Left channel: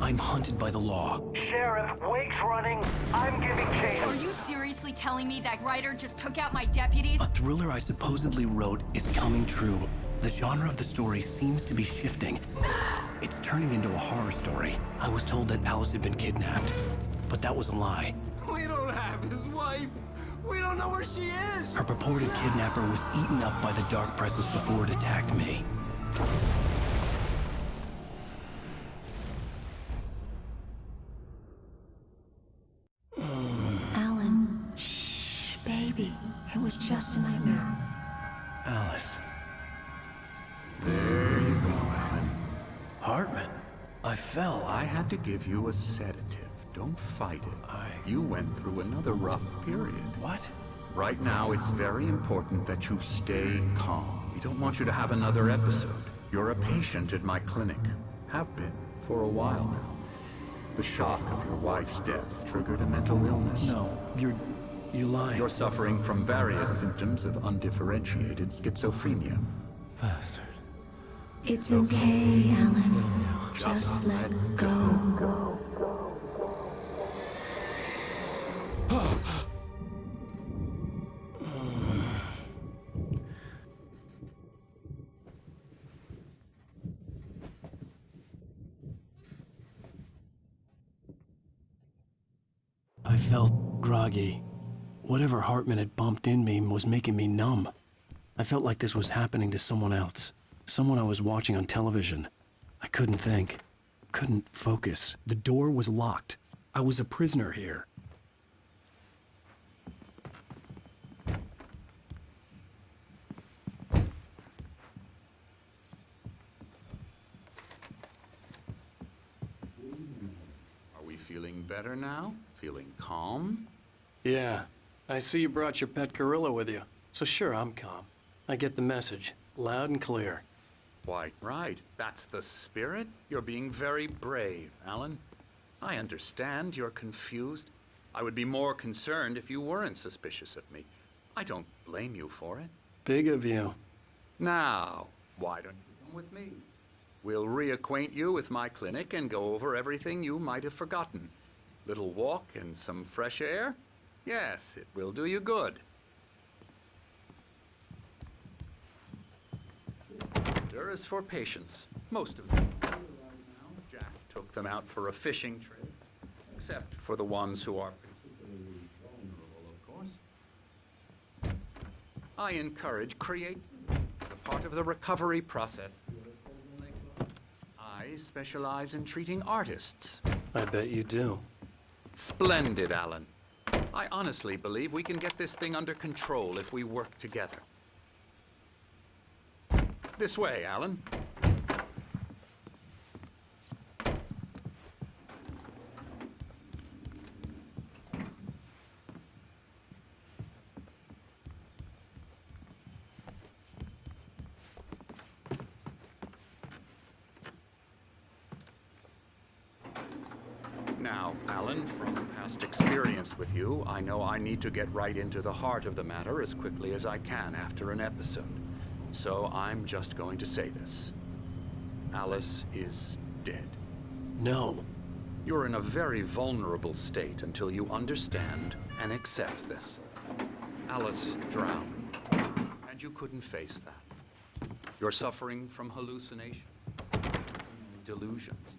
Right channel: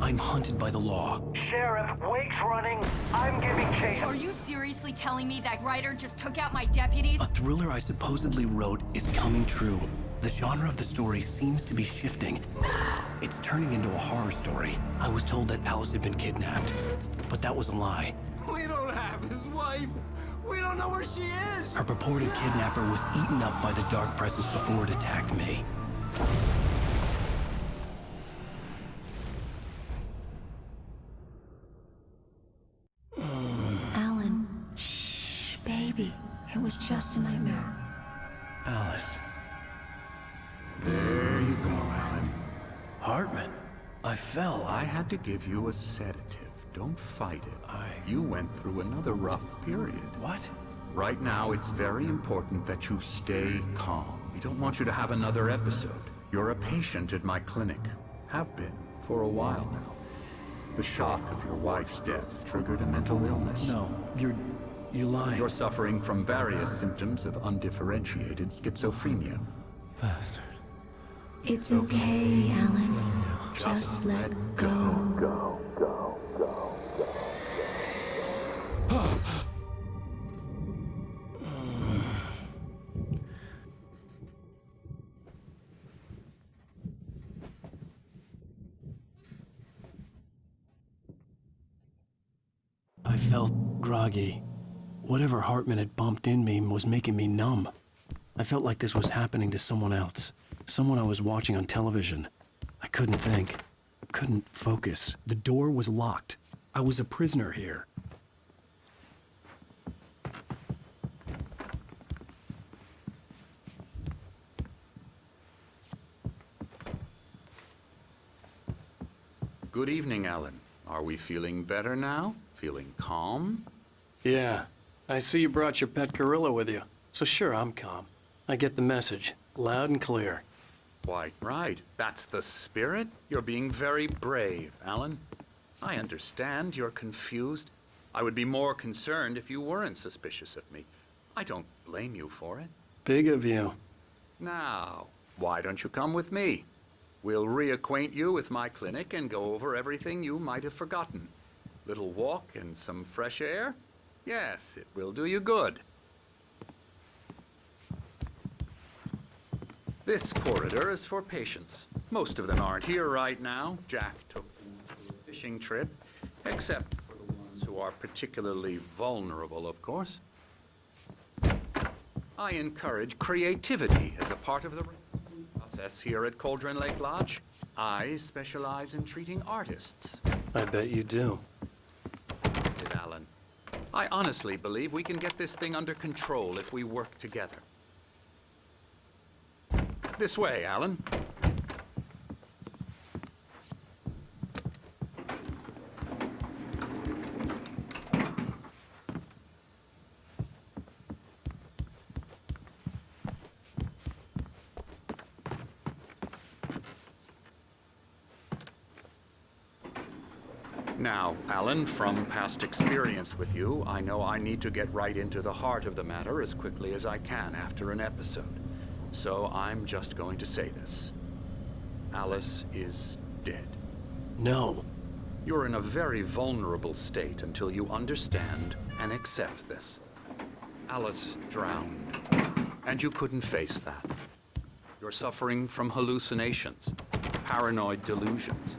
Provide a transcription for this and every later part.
I'm hunted by the law. Sheriff, Wake's running. I'm giving chase. Are you seriously telling me that writer just took out my deputies? A thriller I supposedly wrote is coming true. The genre of the story seems to be shifting. It's turning into a horror story. I was told that Alice had been kidnapped, but that was a lie. We don't have his wife. We don't know where she is. Her purported kidnapper was eaten up by the dark presence before it attacked me. Alan, shh, baby. It was just a nightmare. Alice. There you go, Alan. Hartman. I fell. I had to give you a sedative. Don't fight it. You went through another rough period. What? Right now, it's very important that you stay calm. We don't want you to have another episode. You're a patient at my clinic. Have been for a while now. The shock of your wife's death triggered a mental illness. No, you're lying. You're suffering from various symptoms of undifferentiated schizophrenia. Bastard. It's okay, Alan. Just let go. I felt groggy. Whatever Hartman had bumped in me was making me numb. I felt like this was happening to someone else. Someone I was watching on television. I couldn't think. Couldn't focus. The door was locked. I was a prisoner here. Good evening, Alan. Are we feeling better now? Feeling calm? Yeah. I see you brought your pet gorilla with you. So sure, I'm calm. I get the message. Loud and clear. Quite right. That's the spirit. You're being very brave, Alan. I understand you're confused. I would be more concerned if you weren't suspicious of me. I don't blame you for it. Big of you. Now, why don't you come with me? We'll reacquaint you with my clinic and go over everything you might have forgotten. Little walk and some fresh air? Yes, it will do you good. This corridor is for patients. Most of them aren't here right now. Jack took them out for a fishing trip, except for the ones who are particularly vulnerable, of course. I encourage creativity as a part of the recovery process here at Cauldron Lake Lodge. I specialize in treating artists. I bet you do. Splendid, Alan. I honestly believe we can get this thing under control if we work together. This way, Alan. Now, Alan, from past experience with you, I know I need to get right into the heart of the matter as quickly as I can after an episode. So I'm just going to say this. Alice is dead. No. You're in a very vulnerable state until you understand and accept this. Alice drowned, and you couldn't face that. You're suffering from hallucinations, paranoid delusions,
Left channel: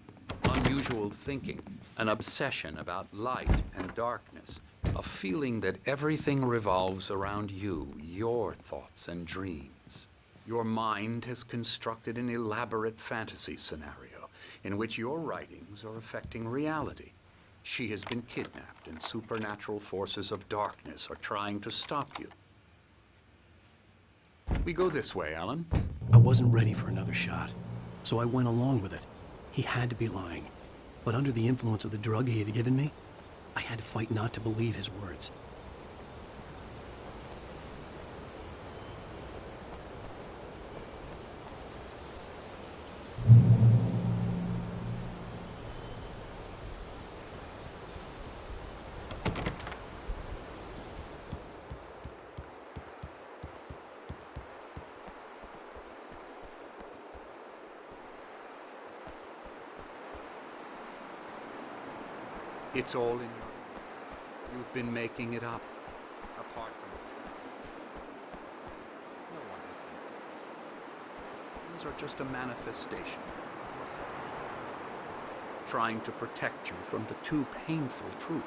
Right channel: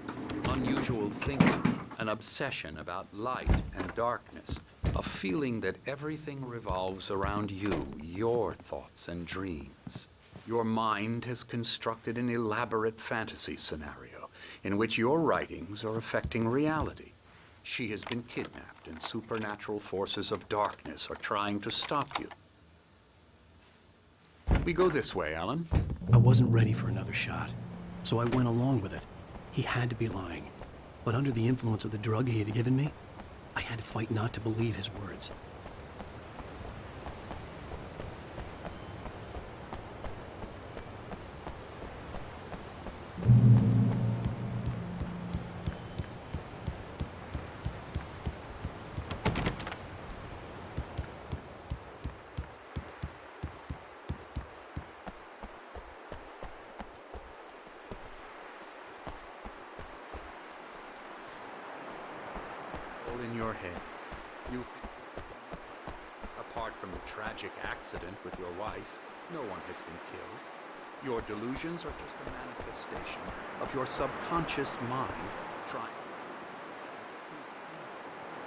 unusual thinking, an obsession about light and darkness, a feeling that everything revolves around you, your thoughts and dreams. Your mind has constructed an elaborate fantasy scenario in which your writings are affecting reality. She has been kidnapped and supernatural forces of darkness are trying to stop you. We go this way, Alan. I wasn't ready for another shot, so I went along with it. He had to be lying. But under the influence of the drug he had given me, I had to fight not to believe his words. It's all in your head. You've been making it up. Apart from the tragic accident with your wife, no one has been killed. Your delusions are just a manifestation of your subconscious mind trying to protect you from the too painful truth.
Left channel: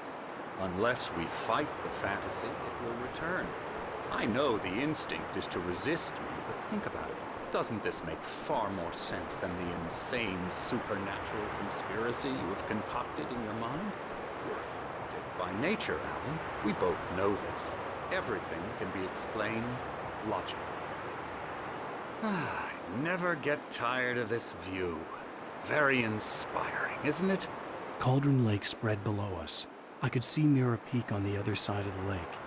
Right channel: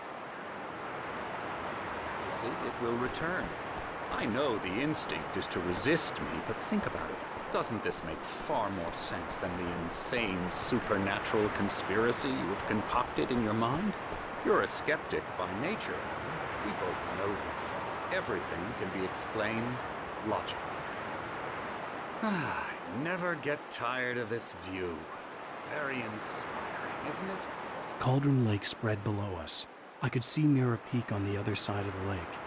Unless we fight the fantasy, it will return. I know the instinct is to resist me, but think about it. Doesn't this make far more sense than the insane supernatural conspiracy you have concocted in your mind? You're a skeptic by nature, Alan. We both know this. Everything can be explained logically. I never get tired of this view. Very inspiring, isn't it? Cauldron Lake spread below us. I could see Mirror Peak on the other side of the lake.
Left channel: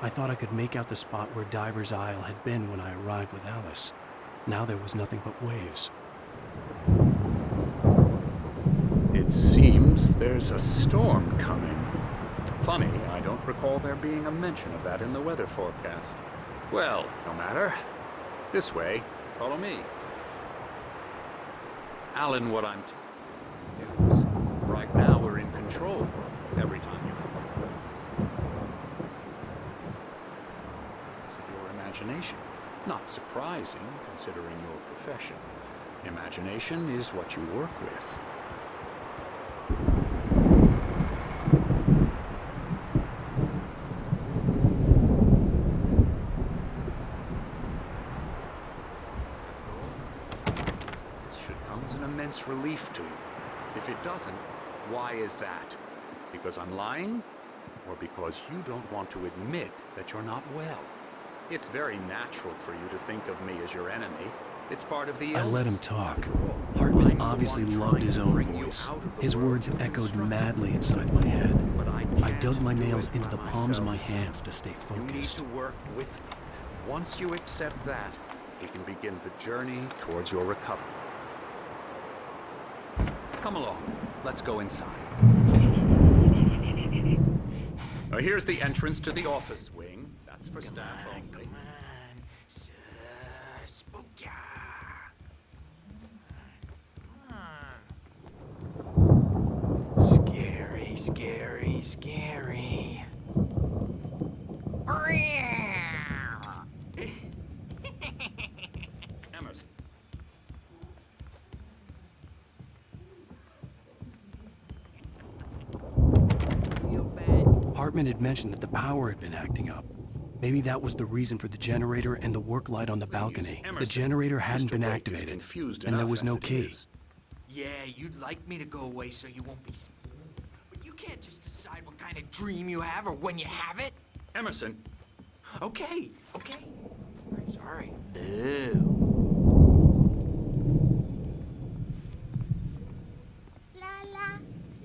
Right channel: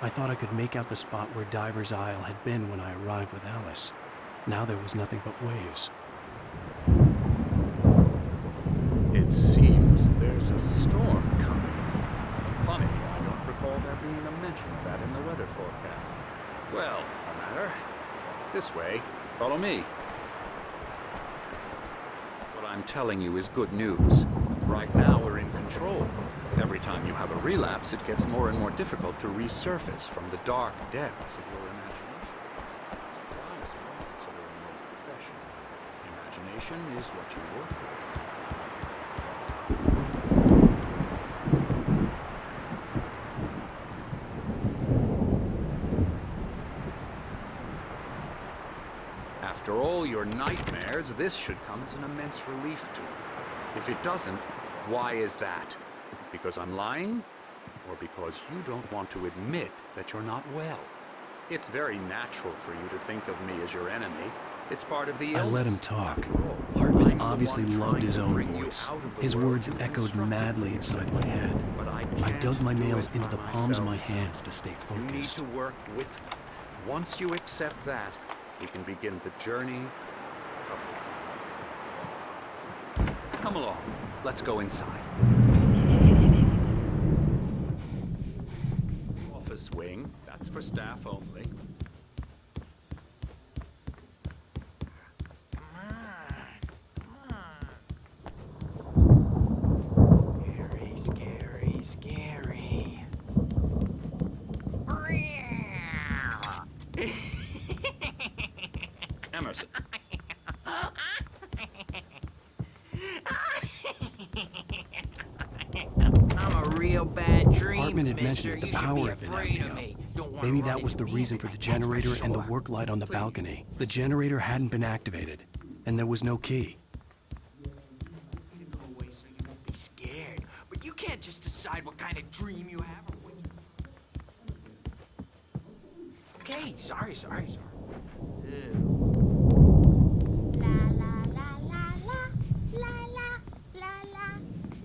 I thought I could make out the spot where Diver's Isle had been when I arrived with Alice. Now there was nothing but waves. It seems there's a storm coming. Funny, I don't recall there being a mention of that in the weather forecast. Well, no matter. This way. Follow me. Alan, what I'm telling you is good news. Right now, we're in control. Every time you have a relapse, it gets more and more difficult to resurface from the dark depths of your imagination. Not surprising, considering your profession. Imagination is what you work with. After all your nightmares, this should come as an immense relief to you. If it doesn't, why is that? Because I'm lying? Or because you don't want to admit that you're not well? It's very natural for you to think of me as your enemy. It's part of the illness. I let him talk. After all, Hartman I'm the obviously one loved trying his to own bring you voice. out of the His world words you've echoed constructed madly for inside yourself. my head. But I I dug my can't do nails it into by the palms of my myself. hands to stay You need focused. to work with me. Once you accept that, we can begin the journey towards your recovery. Come along. Let's go inside. Here's the entrance to the office wing. That's for staff only. Scary, scary, scary. Emerson. I'm a real bad dream. Hartman had mentioned mister. that the You should power be had been afraid acting of up. me. Don't wanna Maybe run that was into the me, reason for the that's generator and the sure. work light on the Please, balcony. The Emerson. generator hadn't Mr. been Wake is activated, confused and there enough was as no it key. is. Yeah, you'd like me to go away so you won't be scared. But you can't just decide what kind of dream you have or when you have it. Emerson. Okay, okay. Sorry. La la la la la la la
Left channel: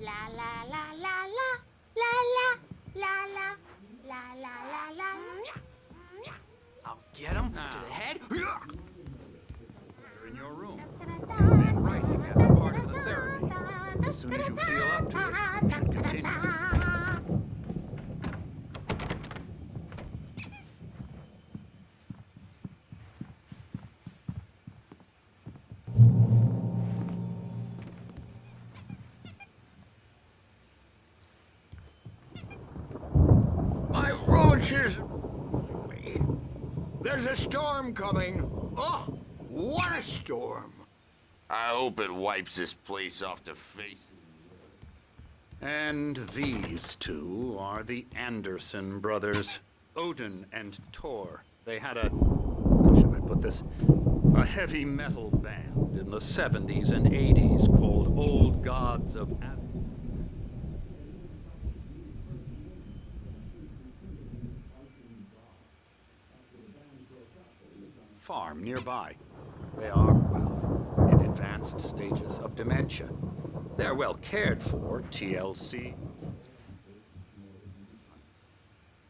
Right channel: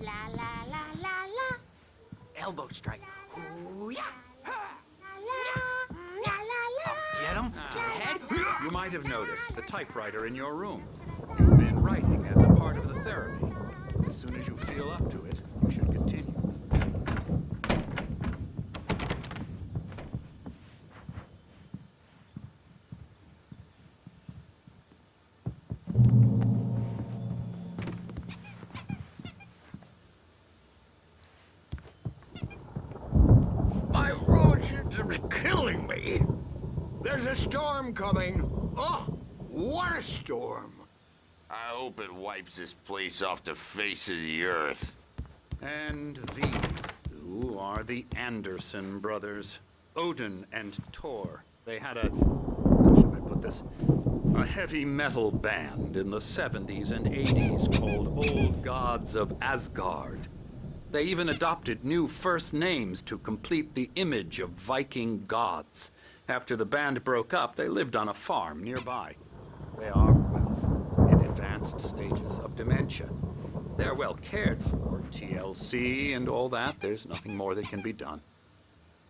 la la la la la la Elbow strike. la la Ooh, yeah. la la la la la I'll get him to the head. You might have noticed the typewriter in your room. You've been writing as a part of the therapy. As soon as you feel up to it, you should continue. My rheumatism's killing me. There's a storm coming. Oh, what a storm. I hope it wipes this place off the face of the earth. And these two are the Anderson brothers, Odin and Tor. They had how should I put this? A heavy metal band in the 70s and 80s called Old Gods of Asgard. They even adopted new first names to complete the image of Viking gods. After the band broke up, they lived on a farm nearby. They are, well, in advanced stages of dementia. They're well cared for, TLC and all that. There's nothing more that can be done.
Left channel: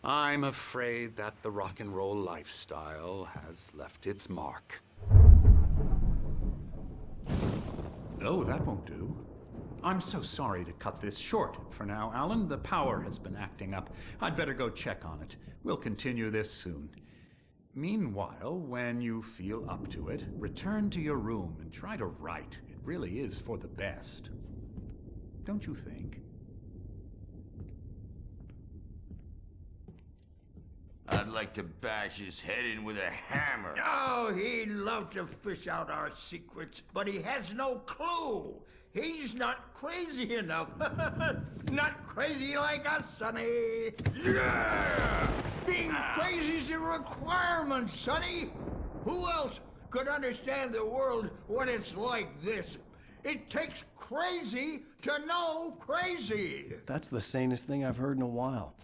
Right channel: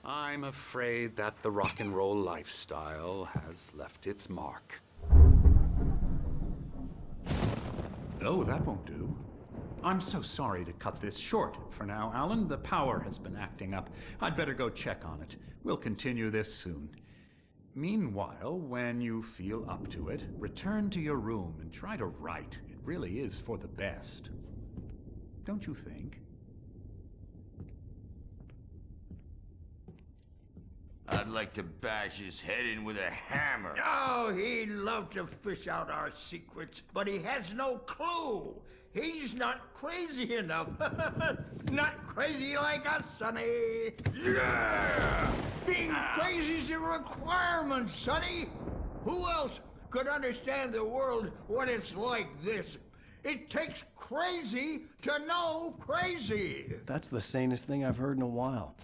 I'm afraid that the rock and roll lifestyle has left its mark. Oh, that won't do. I'm so sorry to cut this short for now, Alan. The power has been acting up. I'd better go check on it. We'll continue this soon. Meanwhile, when you feel up to it, return to your room and try to write. It really is for the best. Don't you think? I'd like to bash his head in with a hammer. Oh, he'd love to fish out our secrets, but he has no clue. He's not crazy enough. Not crazy like us, Sonny. Yeah! Being crazy's a requirement, Sonny. Who else could understand the world when it's like this? It takes crazy to know crazy. That's the sanest thing I've heard in a while.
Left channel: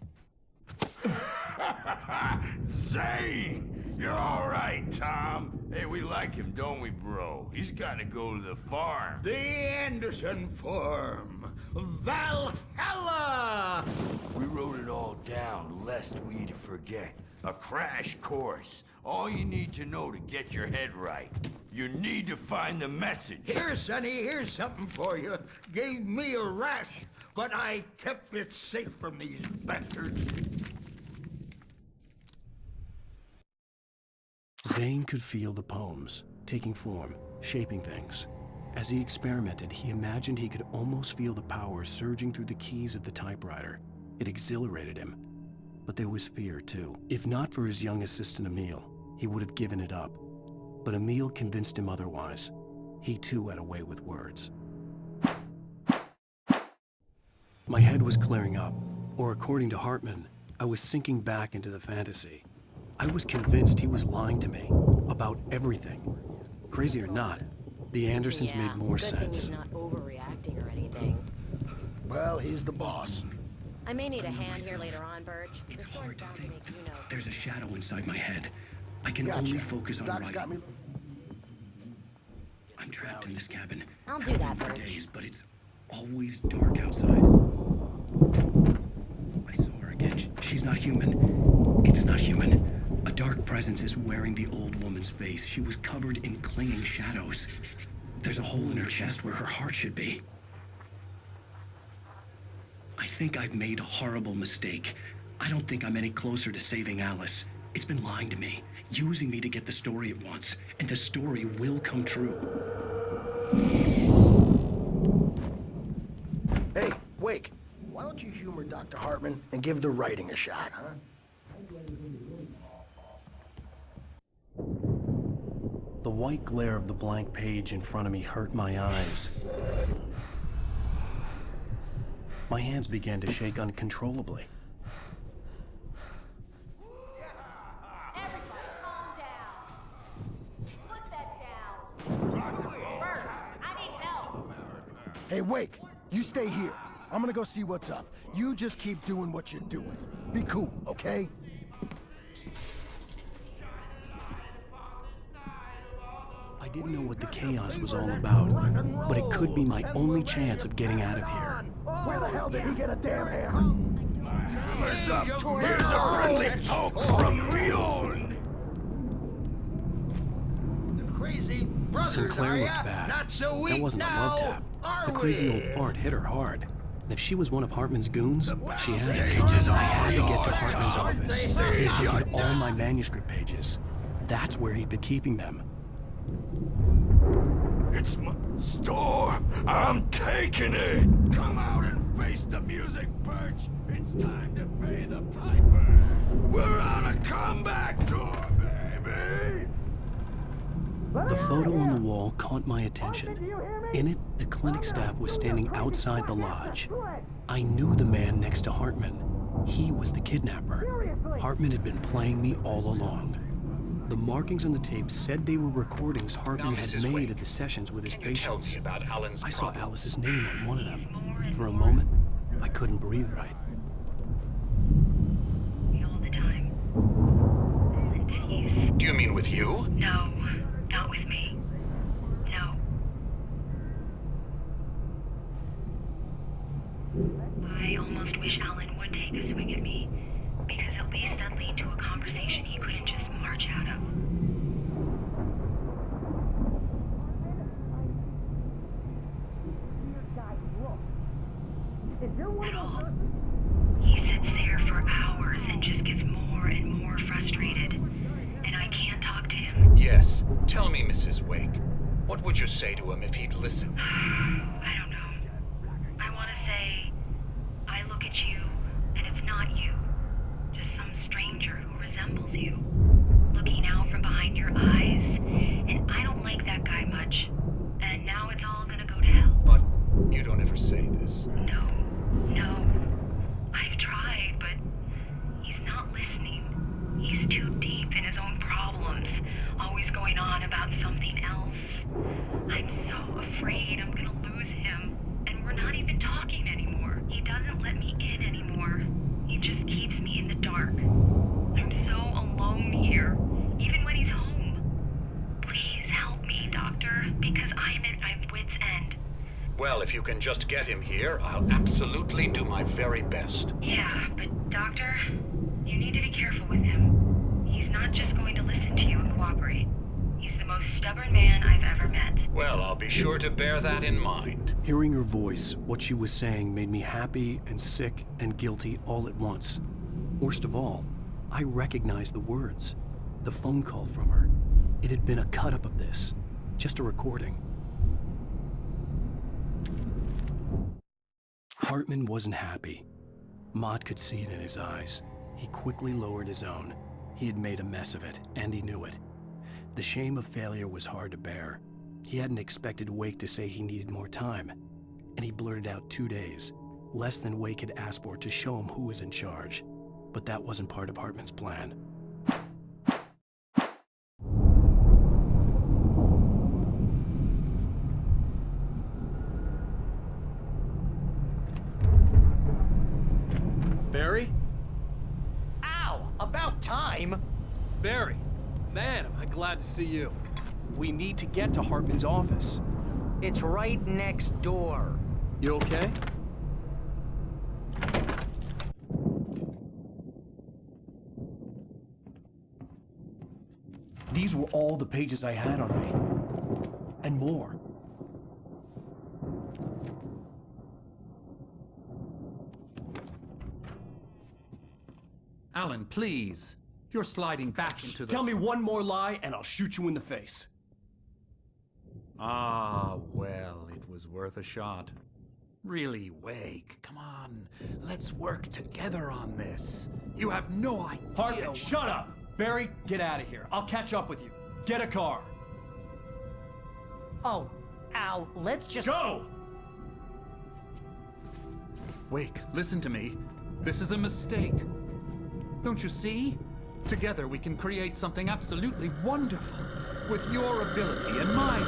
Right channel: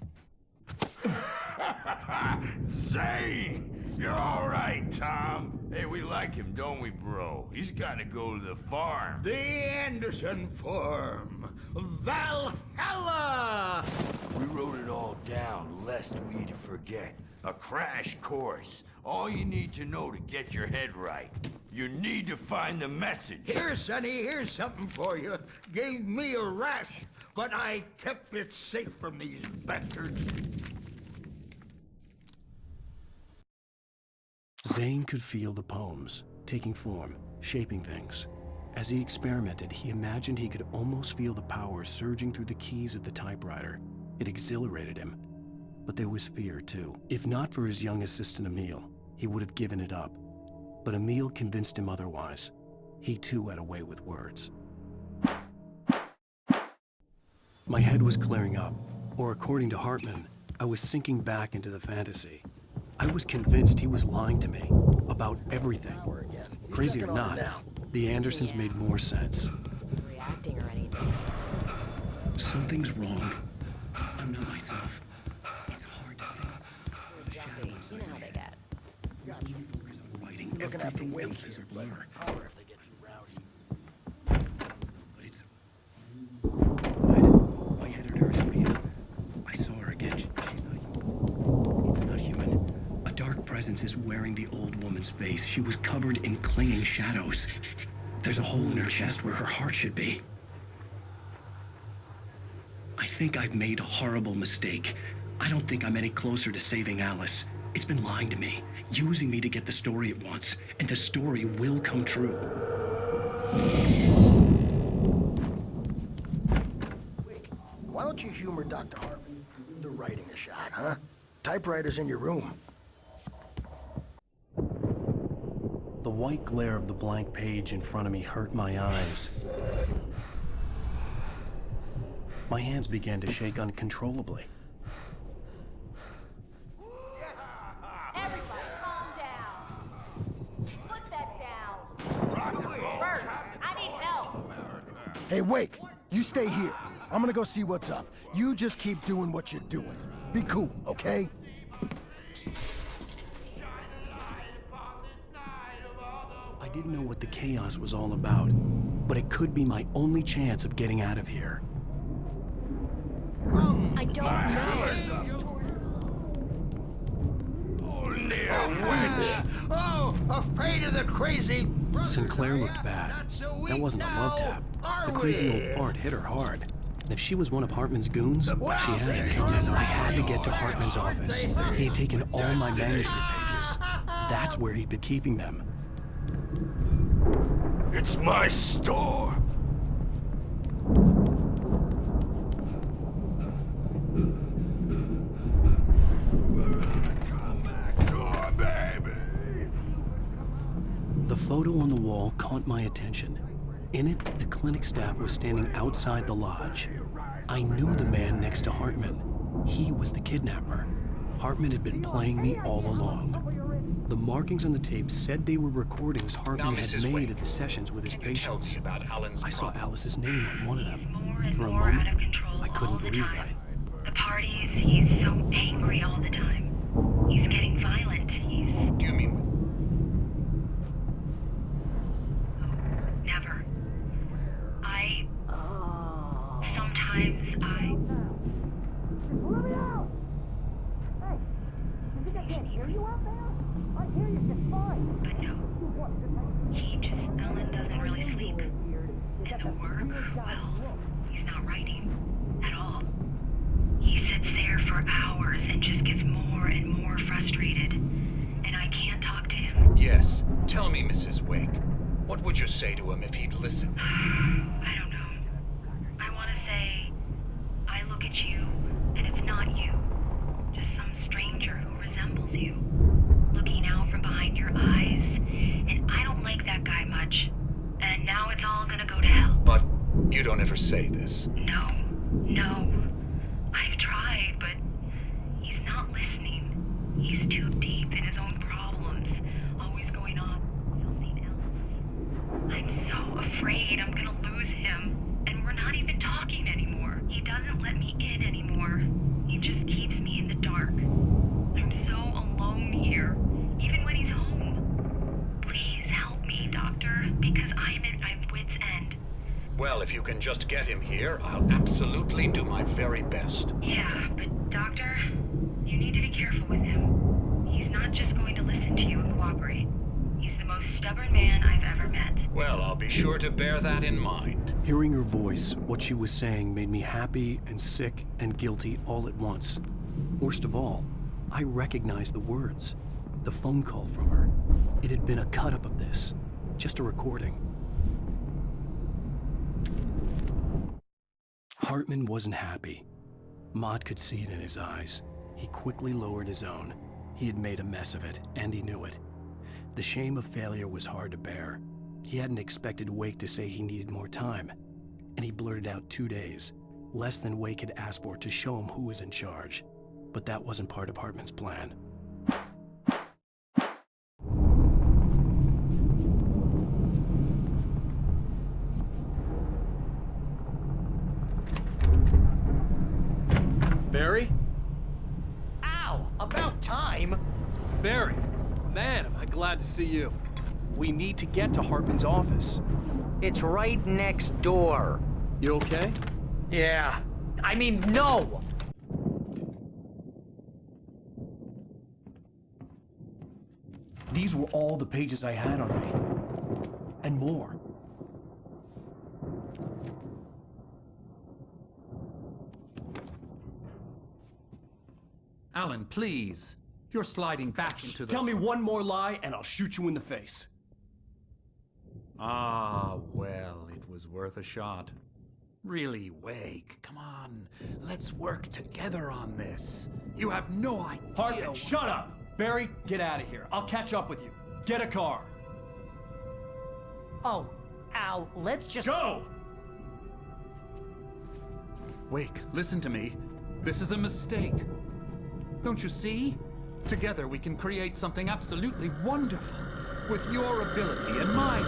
Zane! You're all right, Tom. Hey, we like him, don't we, bro? He's got to go to the farm. The Anderson Farm. Valhalla! We wrote it all down, lest we forget. A crash course. All you need to know to get your head right. You need to find the message. Here, Sonny, here's something for you. Gave me a rash, but I kept it safe from these bastards. Zane could feel the poems, taking form, shaping things. As he experimented, he imagined he could almost feel the power surging through the keys of the typewriter. It exhilarated him. But there was fear, too. If not for his young assistant, Emil, he would have given it up. But Emil convinced him otherwise. He, too, had a way with words. My head was clearing up, or according to Hartman, I was sinking back into the fantasy. I was convinced he was lying to me about everything. Crazy or not, the Andersons made more sense. Not overreacting or anything. Well, he's the boss. I may need a hand here later on, Bert. It's hard to think. There's a shadow inside my head. I can Gotcha. only focus on Doc's got writing. me looking after Everything Wake else is here, a but blur. holler if they get I'm too trapped in rowdy. this cabin. I'll do that, For Bert. days, but it's always dark outside. My editor is real. I saw her again. She's not human. It's not human. A dark presence is wearing the old woman's face. She was covered in clinging shadows. There's a hole in her chest where her heart should be. I think I've made a horrible mistake. I don't think I'm any closer to saving Alice. It's been lying to me, using me to get the story it wants, and the story will come true. Hey, Wake, why don't you humor Dr. Hartman and give the writing a shot, huh? Typewriter's in your room. The white glare of the blank page in front of me hurt my eyes. My hands began to shake uncontrollably. Everybody, calm down. Put that down. Bert, I need help. Hey, Wake, you stay here. I'm gonna go see what's up. You just keep doing what you're doing. Be cool, okay? I didn't know what the chaos was all about, but it could be my only chance of getting out of here. Where the hell did he get a damn hammer? I don't know. Hammer's up. Here's a friendly poke from Mjolnir, wench. Oh, afraid of the crazy brothers, Sinclair are looked ya? bad. Not so weak That wasn't a love now, tap. are The crazy we? old fart hit her hard. And if she was one of Hartman's goons, she had to pages be. are I had to get to yours, Hartman's Tom. office. They He had taken your all my destiny. manuscript pages. That's where he'd been keeping them. It's my storm. I'm taking it. Come out and face the music, Birch. It's time to pay the piper. We're on a comeback tour, baby. The photo on the wall caught my attention. In it, the clinic staff was standing outside the lodge. I knew the man next to Hartman. He was the kidnapper. Hartman had been playing me all along. The markings on the tape said they were recordings Hartman Now, had Mrs. made Wake, at the sessions with his Can you tell patients. me about Alan's I saw problem? Alice's name on one of them. More and For a more moment, out of control I couldn't all the breathe time. right. The parties, he's so angry all the time. He's getting violent. He's... Do you mean with you? No, not with me. No, never. Sometimes I almost wish Alan would take a swing at me, because at least that lead to a conversation he couldn't just march out of. But no. Alan doesn't really sleep. And the work, well, he's not writing at all. He sits there for hours and just gets more and more frustrated. And I can't talk to him. Yes. Tell me, Mrs. Wake. What would you say to him if he'd listen? I don't know. I want to say, I look at you, and it's not you. Just some stranger who resembles You don't ever say this. No. I've tried, but he's not listening. He's too deep in his own problems, always going on about something else. I'm so afraid I'm gonna lose him, and we're not even talking anymore. He doesn't let me in anymore. He just keeps me in the dark. I'm so alone here, even when he's home. Please help me, Doctor, because I'm at my wit's end. Well, if you can just get him here, I'll absolutely do my very best. Yeah, but Doctor, you need to be careful with him. He's not just going to listen to you and cooperate. He's the most stubborn man I've ever met. Well, I'll be sure to bear that in mind. Hearing her voice, what she was saying made me happy and sick and guilty all at once. Worst of all, I recognized the words. The phone call from her. It had been a cut-up of this. Just a recording. Hartman wasn't happy. Maude could see it in his eyes. He quickly lowered his own. He had made a mess of it, and he knew it. The shame of failure was hard to bear. He hadn't expected Wake to say he needed more time, and he blurted out 2 days, less than Wake had asked for to show him who was in charge. But that wasn't part of Hartman's plan. Barry? Ow! About time! Barry, man, am I glad to see you. We need to get to Hartman's office. It's right next door. You okay? Yeah. I mean, no! These were all the pages I had on me. And more. Alan, please. You're sliding back into the... Tell me one more lie and I'll shoot you in the face. Ah, well, it was worth a shot. Really, Wake, come on. Let's work together on this. You have no idea... Hartman, shut up! Barry, get out of here. I'll catch up with you. Get a car. Oh, Al, let's just... Go! Wake, listen to me. This is a mistake. Don't you see? Together we can create something absolutely wonderful. With your ability and mine.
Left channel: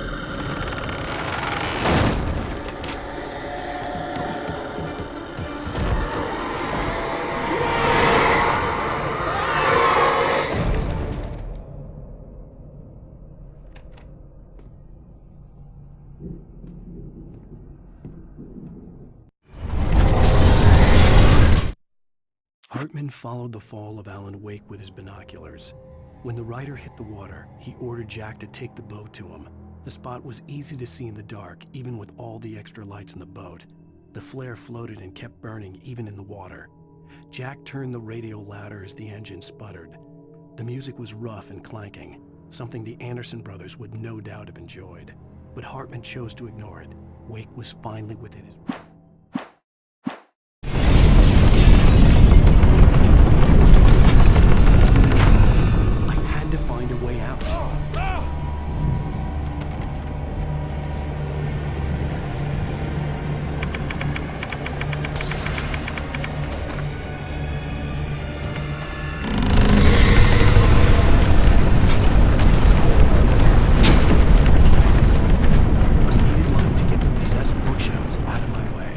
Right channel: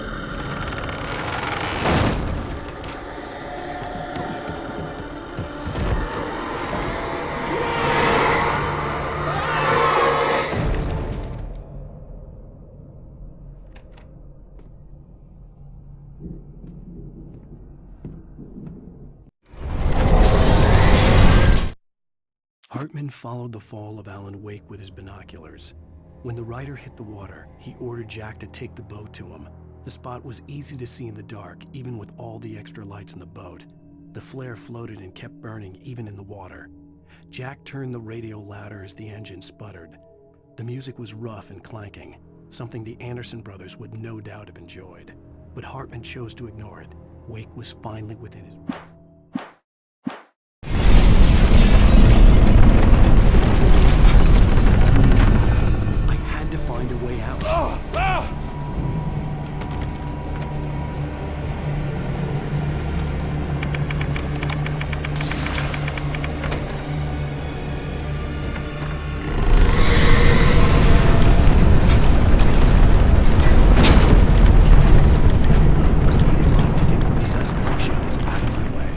Hartman followed the fall of Alan Wake with his binoculars. When the rider hit the water, he ordered Jack to take the boat to him. The spot was easy to see in the dark, even with all the extra lights in the boat. The flare floated and kept burning even in the water. Jack turned the radio louder as the engine sputtered. The music was rough and clanking, something the Anderson brothers would no doubt have enjoyed. But Hartman chose to ignore it. Wake was finally within his... to find a way out. I needed light to get the possessed bookshelves out of my way.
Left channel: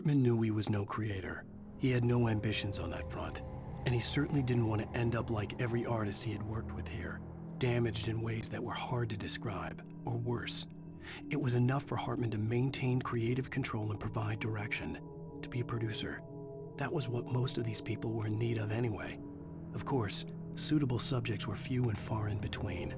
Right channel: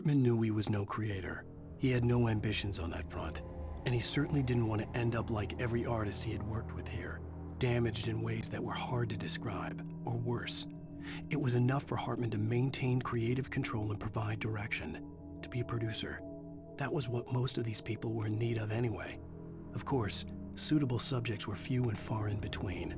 Hartman knew he was no creator. He had no ambitions on that front. And he certainly didn't want to end up like every artist he had worked with here, damaged in ways that were hard to describe, or worse. It was enough for Hartman to maintain creative control and provide direction, to be a producer. That was what most of these people were in need of anyway. Of course, suitable subjects were few and far in between.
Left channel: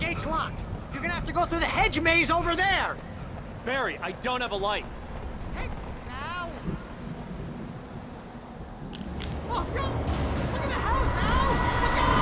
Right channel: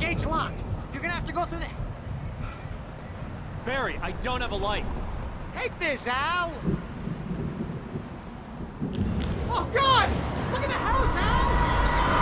gate's locked. You're gonna have to go through the hedge maze over there. Barry, I don't have a light. Take this, Al. Oh, God! Look at the house, Al! Look out!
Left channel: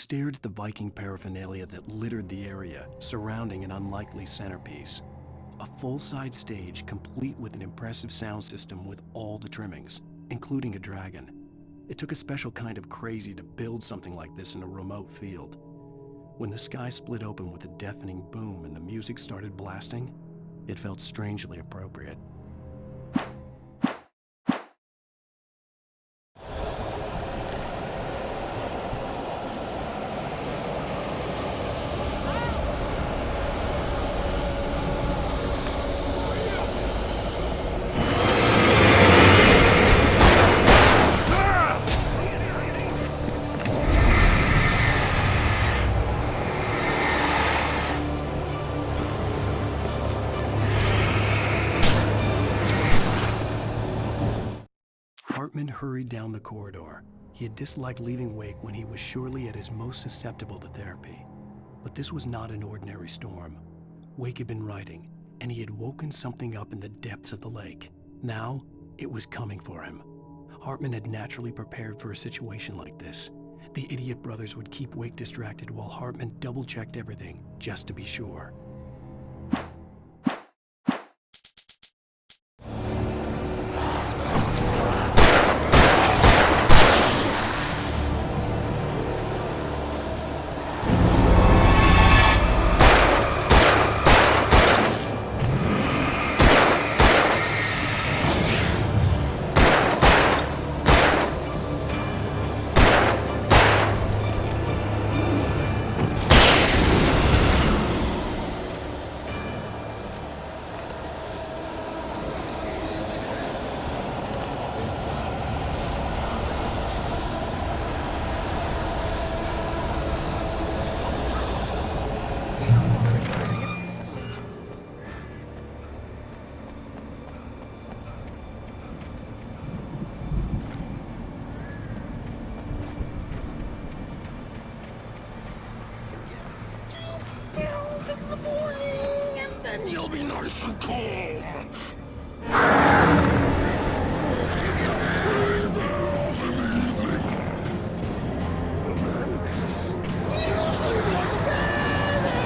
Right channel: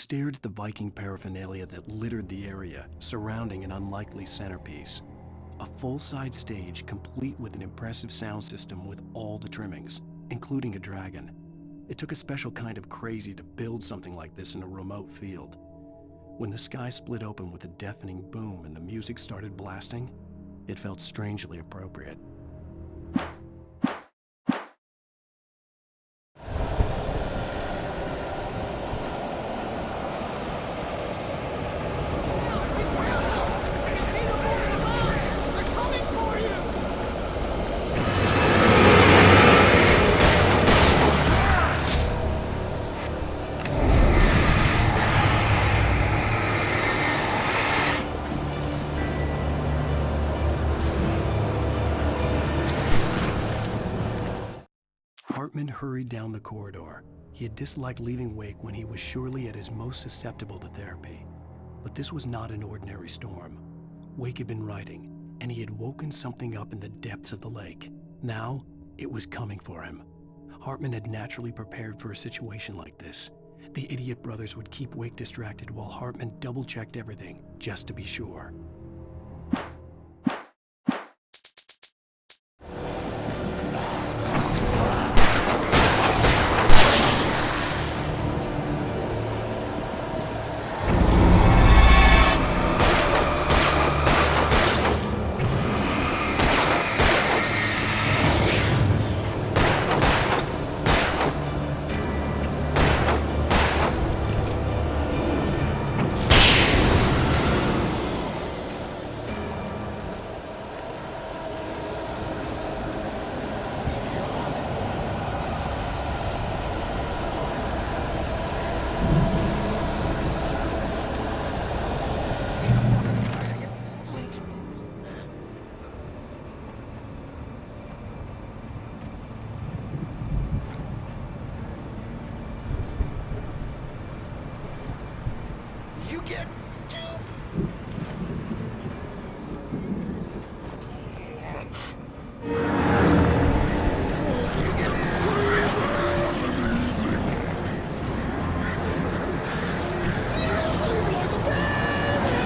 stared at the Viking paraphernalia that littered the area surrounding an unlikely centerpiece. A full-size stage complete with an impressive sound system with all the trimmings, including a dragon. It took a special kind of crazy to build something like this in a remote field. When the sky split open with a deafening boom and the music started blasting, it felt strangely appropriate. Hartman hurried down the corridor. He had disliked leaving Wake when he was surely at his most susceptible to therapy. But this was not an ordinary storm. Wake had been writing, and he had woken something up in the depths of the lake. Now, it was coming for him. Hartman had naturally prepared for a situation like this. The idiot brothers would keep Wake distracted while Hartman double-checked everything, just to be sure. You get 2 pills in the morning, and then you'll be nice and calm. You get 3 pills in the evening. You sleep like a baby.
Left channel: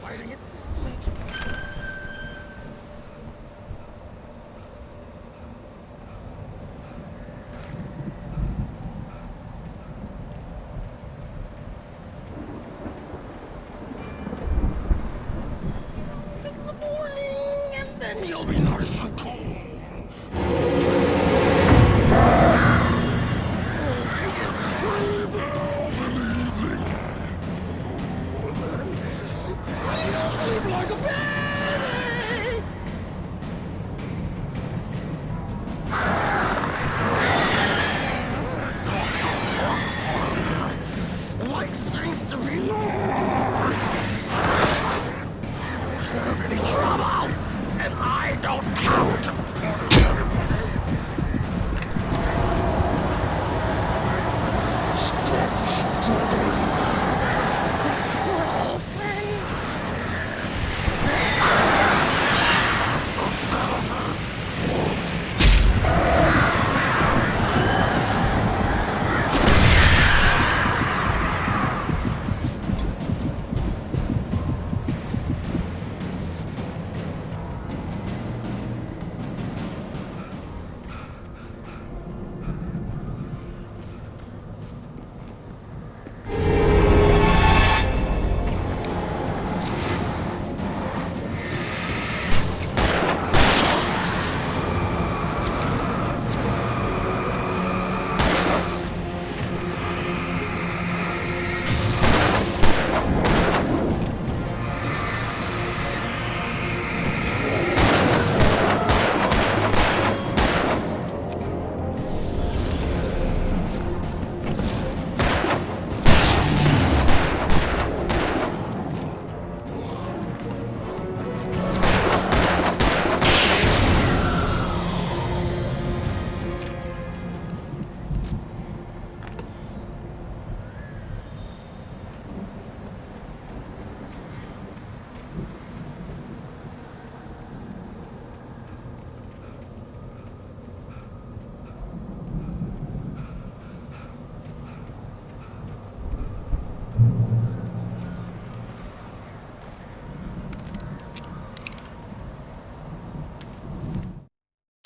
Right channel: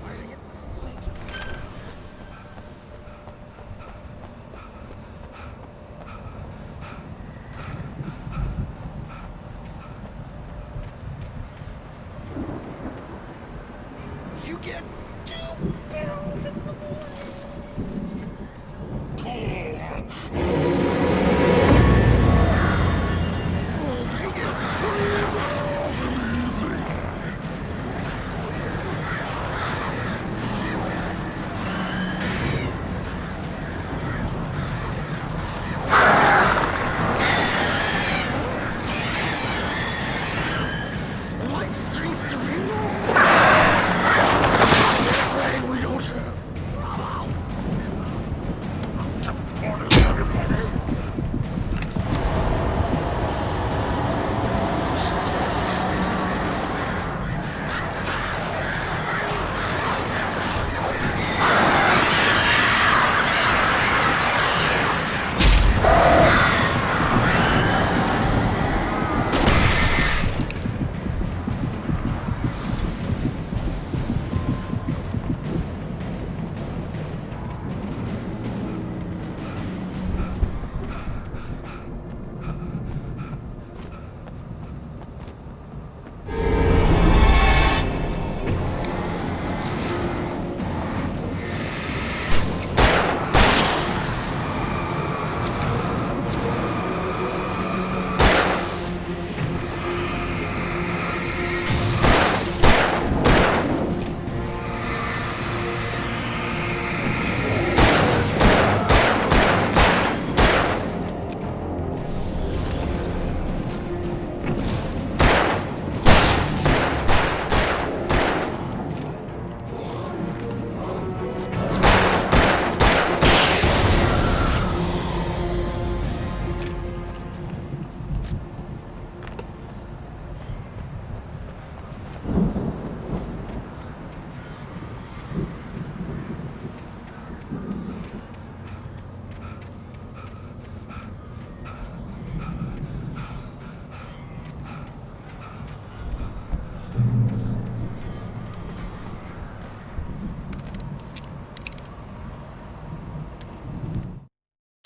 Fighting it makes me... You get 2 pills in the morning, and then you'll be nice and calm. You get 3 pills in the evening. Like things to be afraid we don't have any trouble, and I don't count on everybody.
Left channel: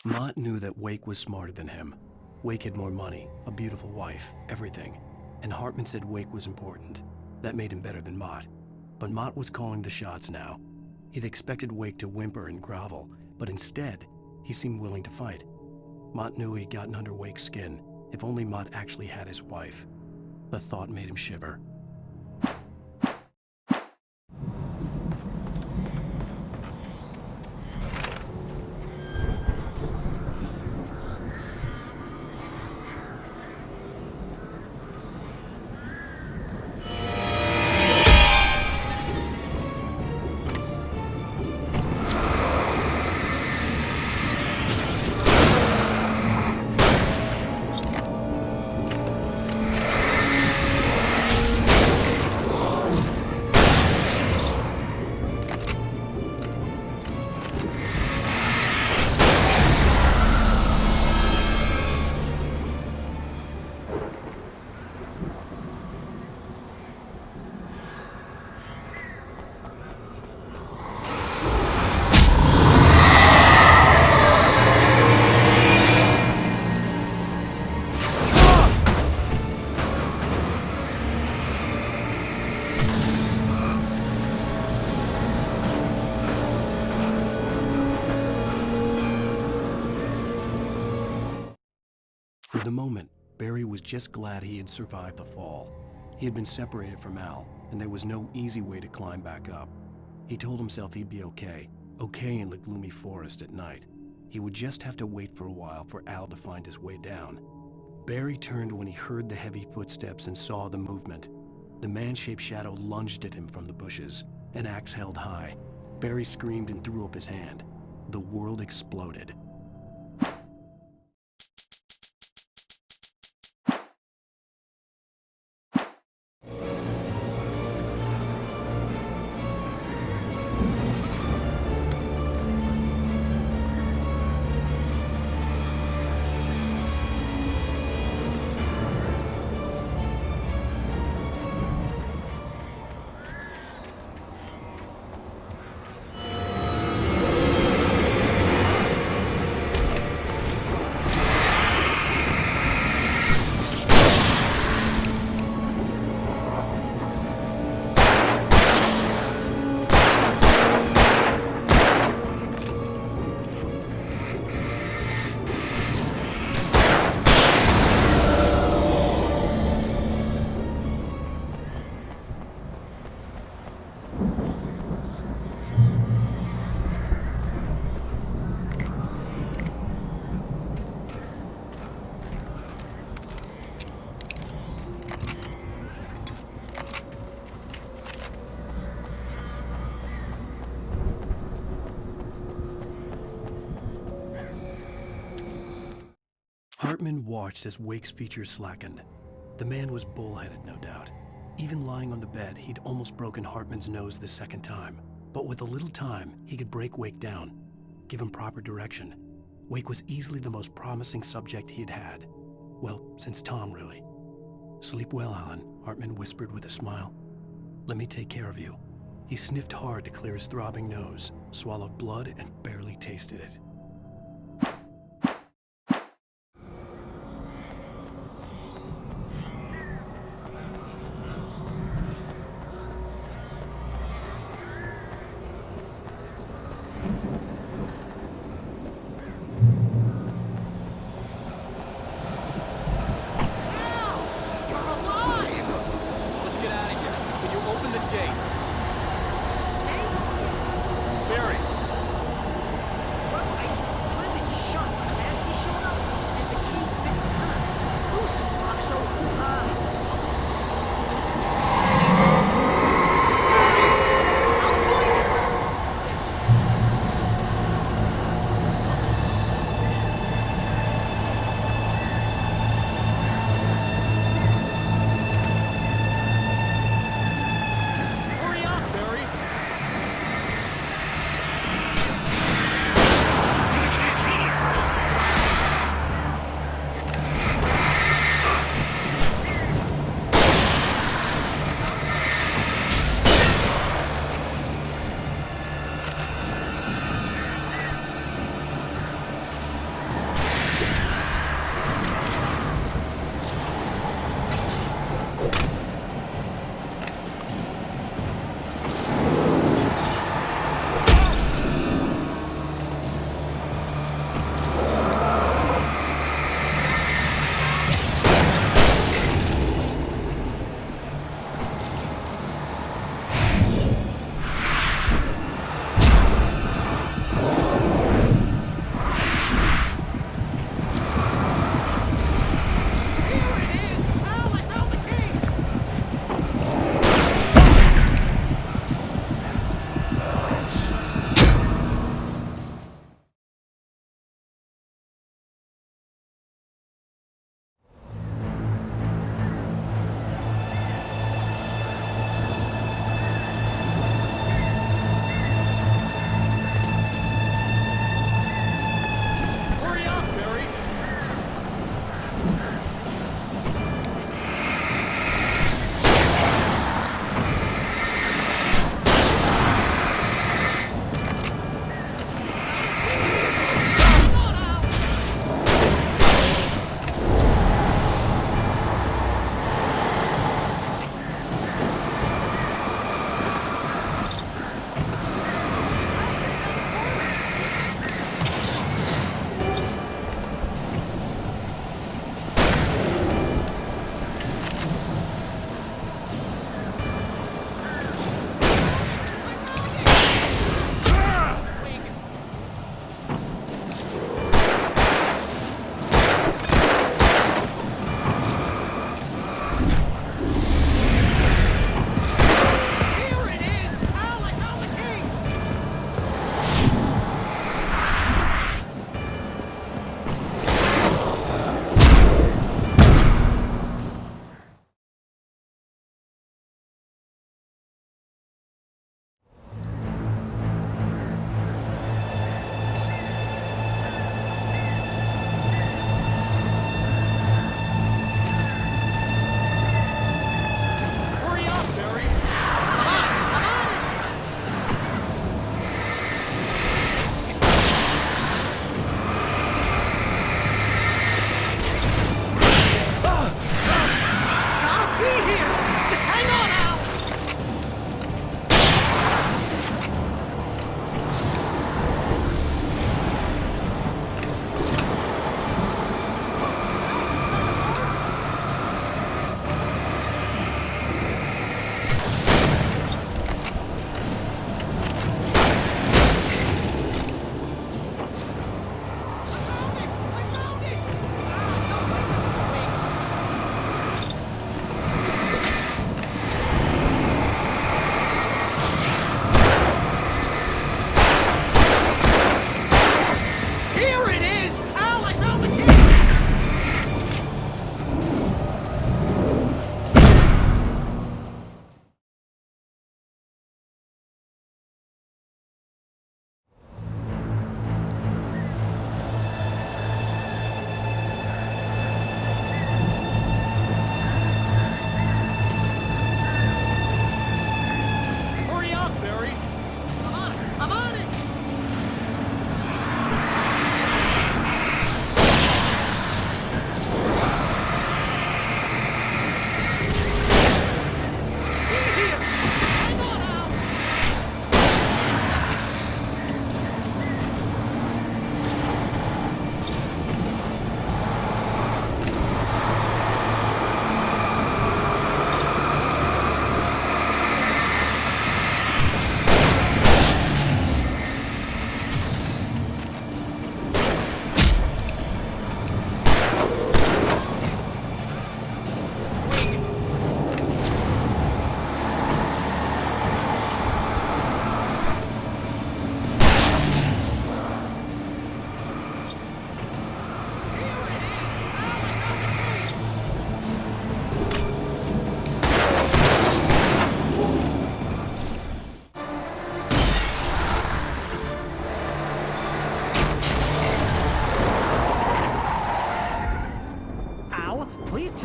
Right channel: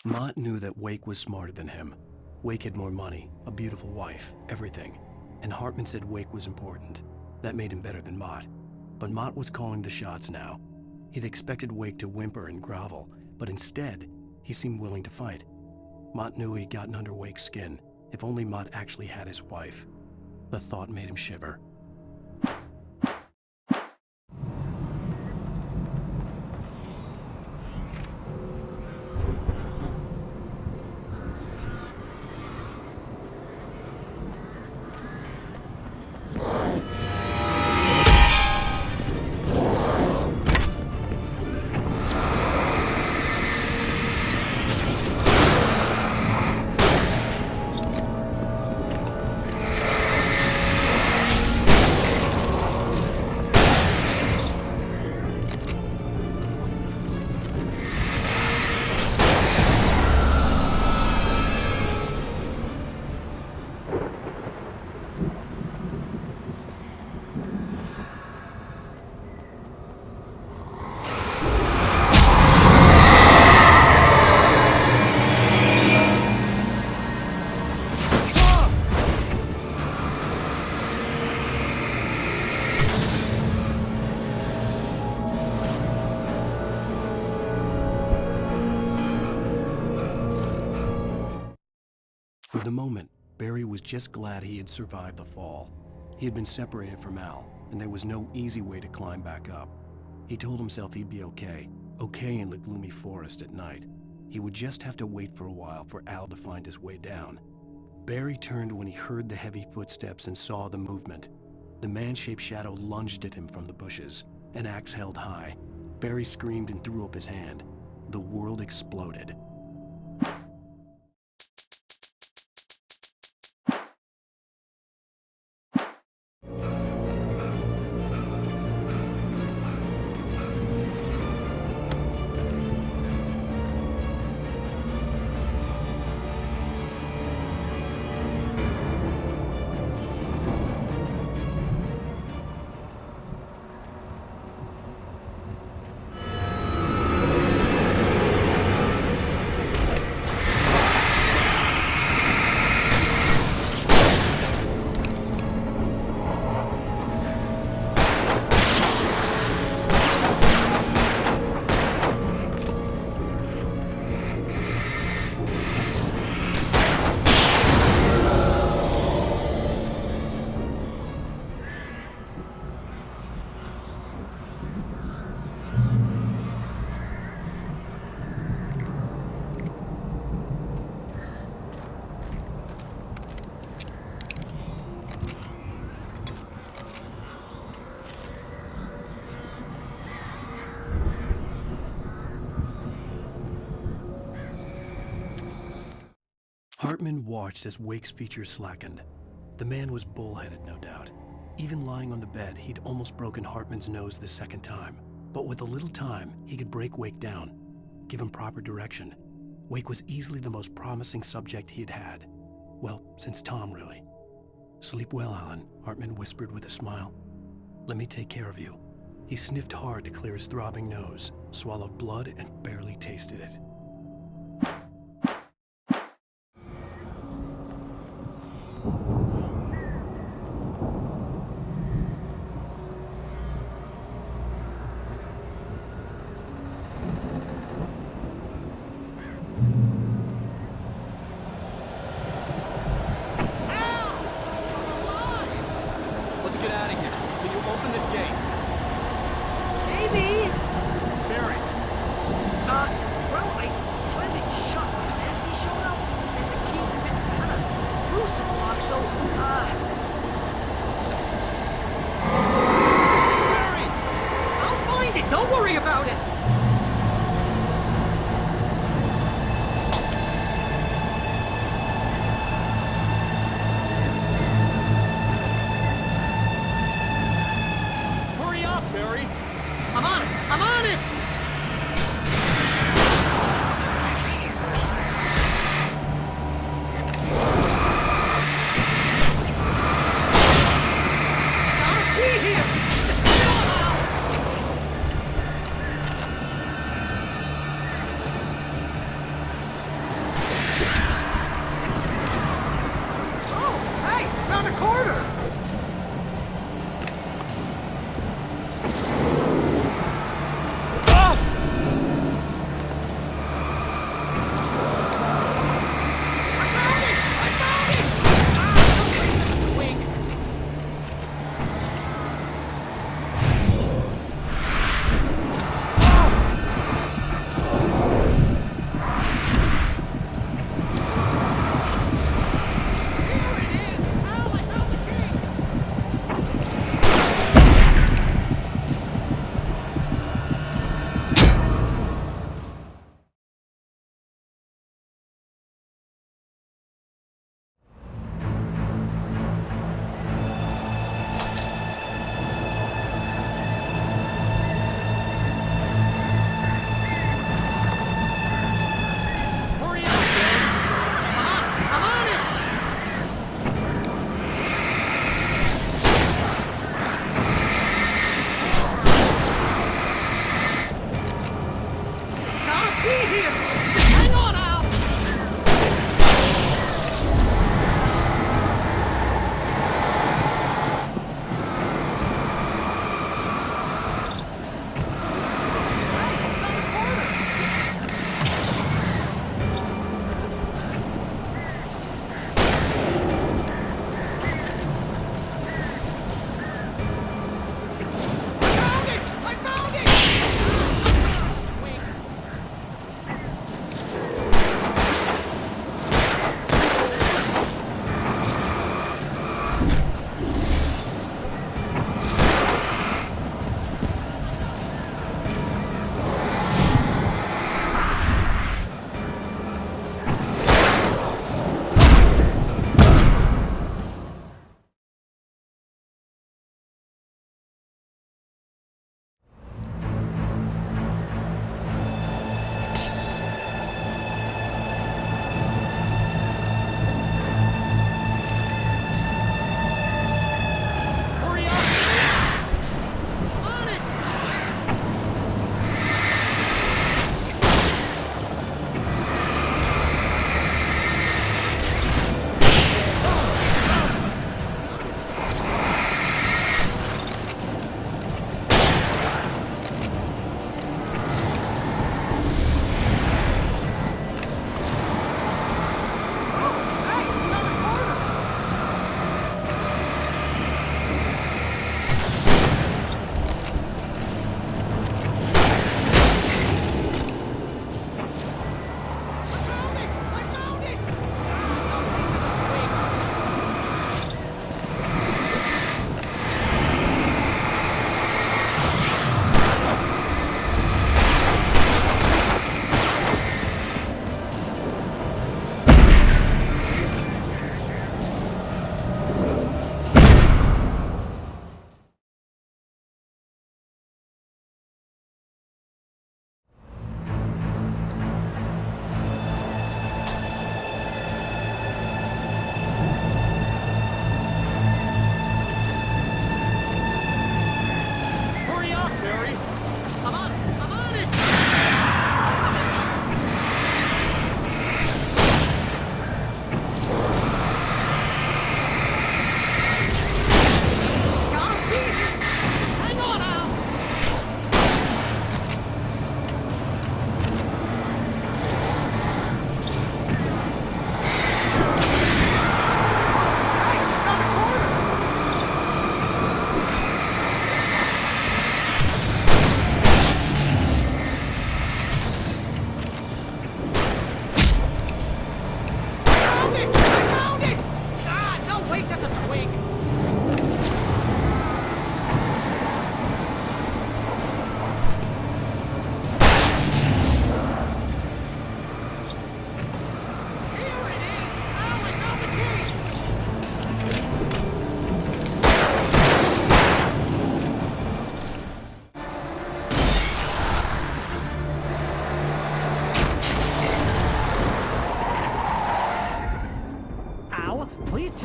Mott knew that Wake was smarter than him. Wake had more money, a beautiful wife, everything. And Hartman said Wake was important. That made him better than Mott. But Mott was calling the shots now. He'd expected Wake to whimper and grovel, but instead, he seemed willing to fight. Mott knew he'd gotten under Wake's skin. If only Mott actually had his wife. The thought made him shiver. For the moment, Barry was just glad he had survived the fall. He had been separated from Al, and there was no easy way to climb back up. He told himself he'd be okay in the gloomy forest at night. He would just have to wait for a while for Al to find his way down. Barry turned when he heard the heavy footsteps and saw the movement. The man-shaped shadow lunged at him from the bushes, an axe held high. Barry screamed and threw up his hand. The world exploded. Hartman watched as Wake's features slackened. The man was bullheaded, no doubt. Even lying on the bed, he'd almost broken Hartman's nose the second time. But with a little time, he could break Wake down, give him proper direction. Wake was easily the most promising subject he'd had. Well, since Tom, really. "Sleep well, Alan," Hartman whispered with a smile. "Let me take care of you." He sniffed hard to clear his throbbing nose, swallowed blood, and barely tasted it. Get out of here. Can you open this gate? Maybe. Barry. Well, I slammed it shut when Klasky showed up, and the key fits kind of loose in the lock, so, Barry, I'll find it. Don't worry about it. Barry. I'm on it!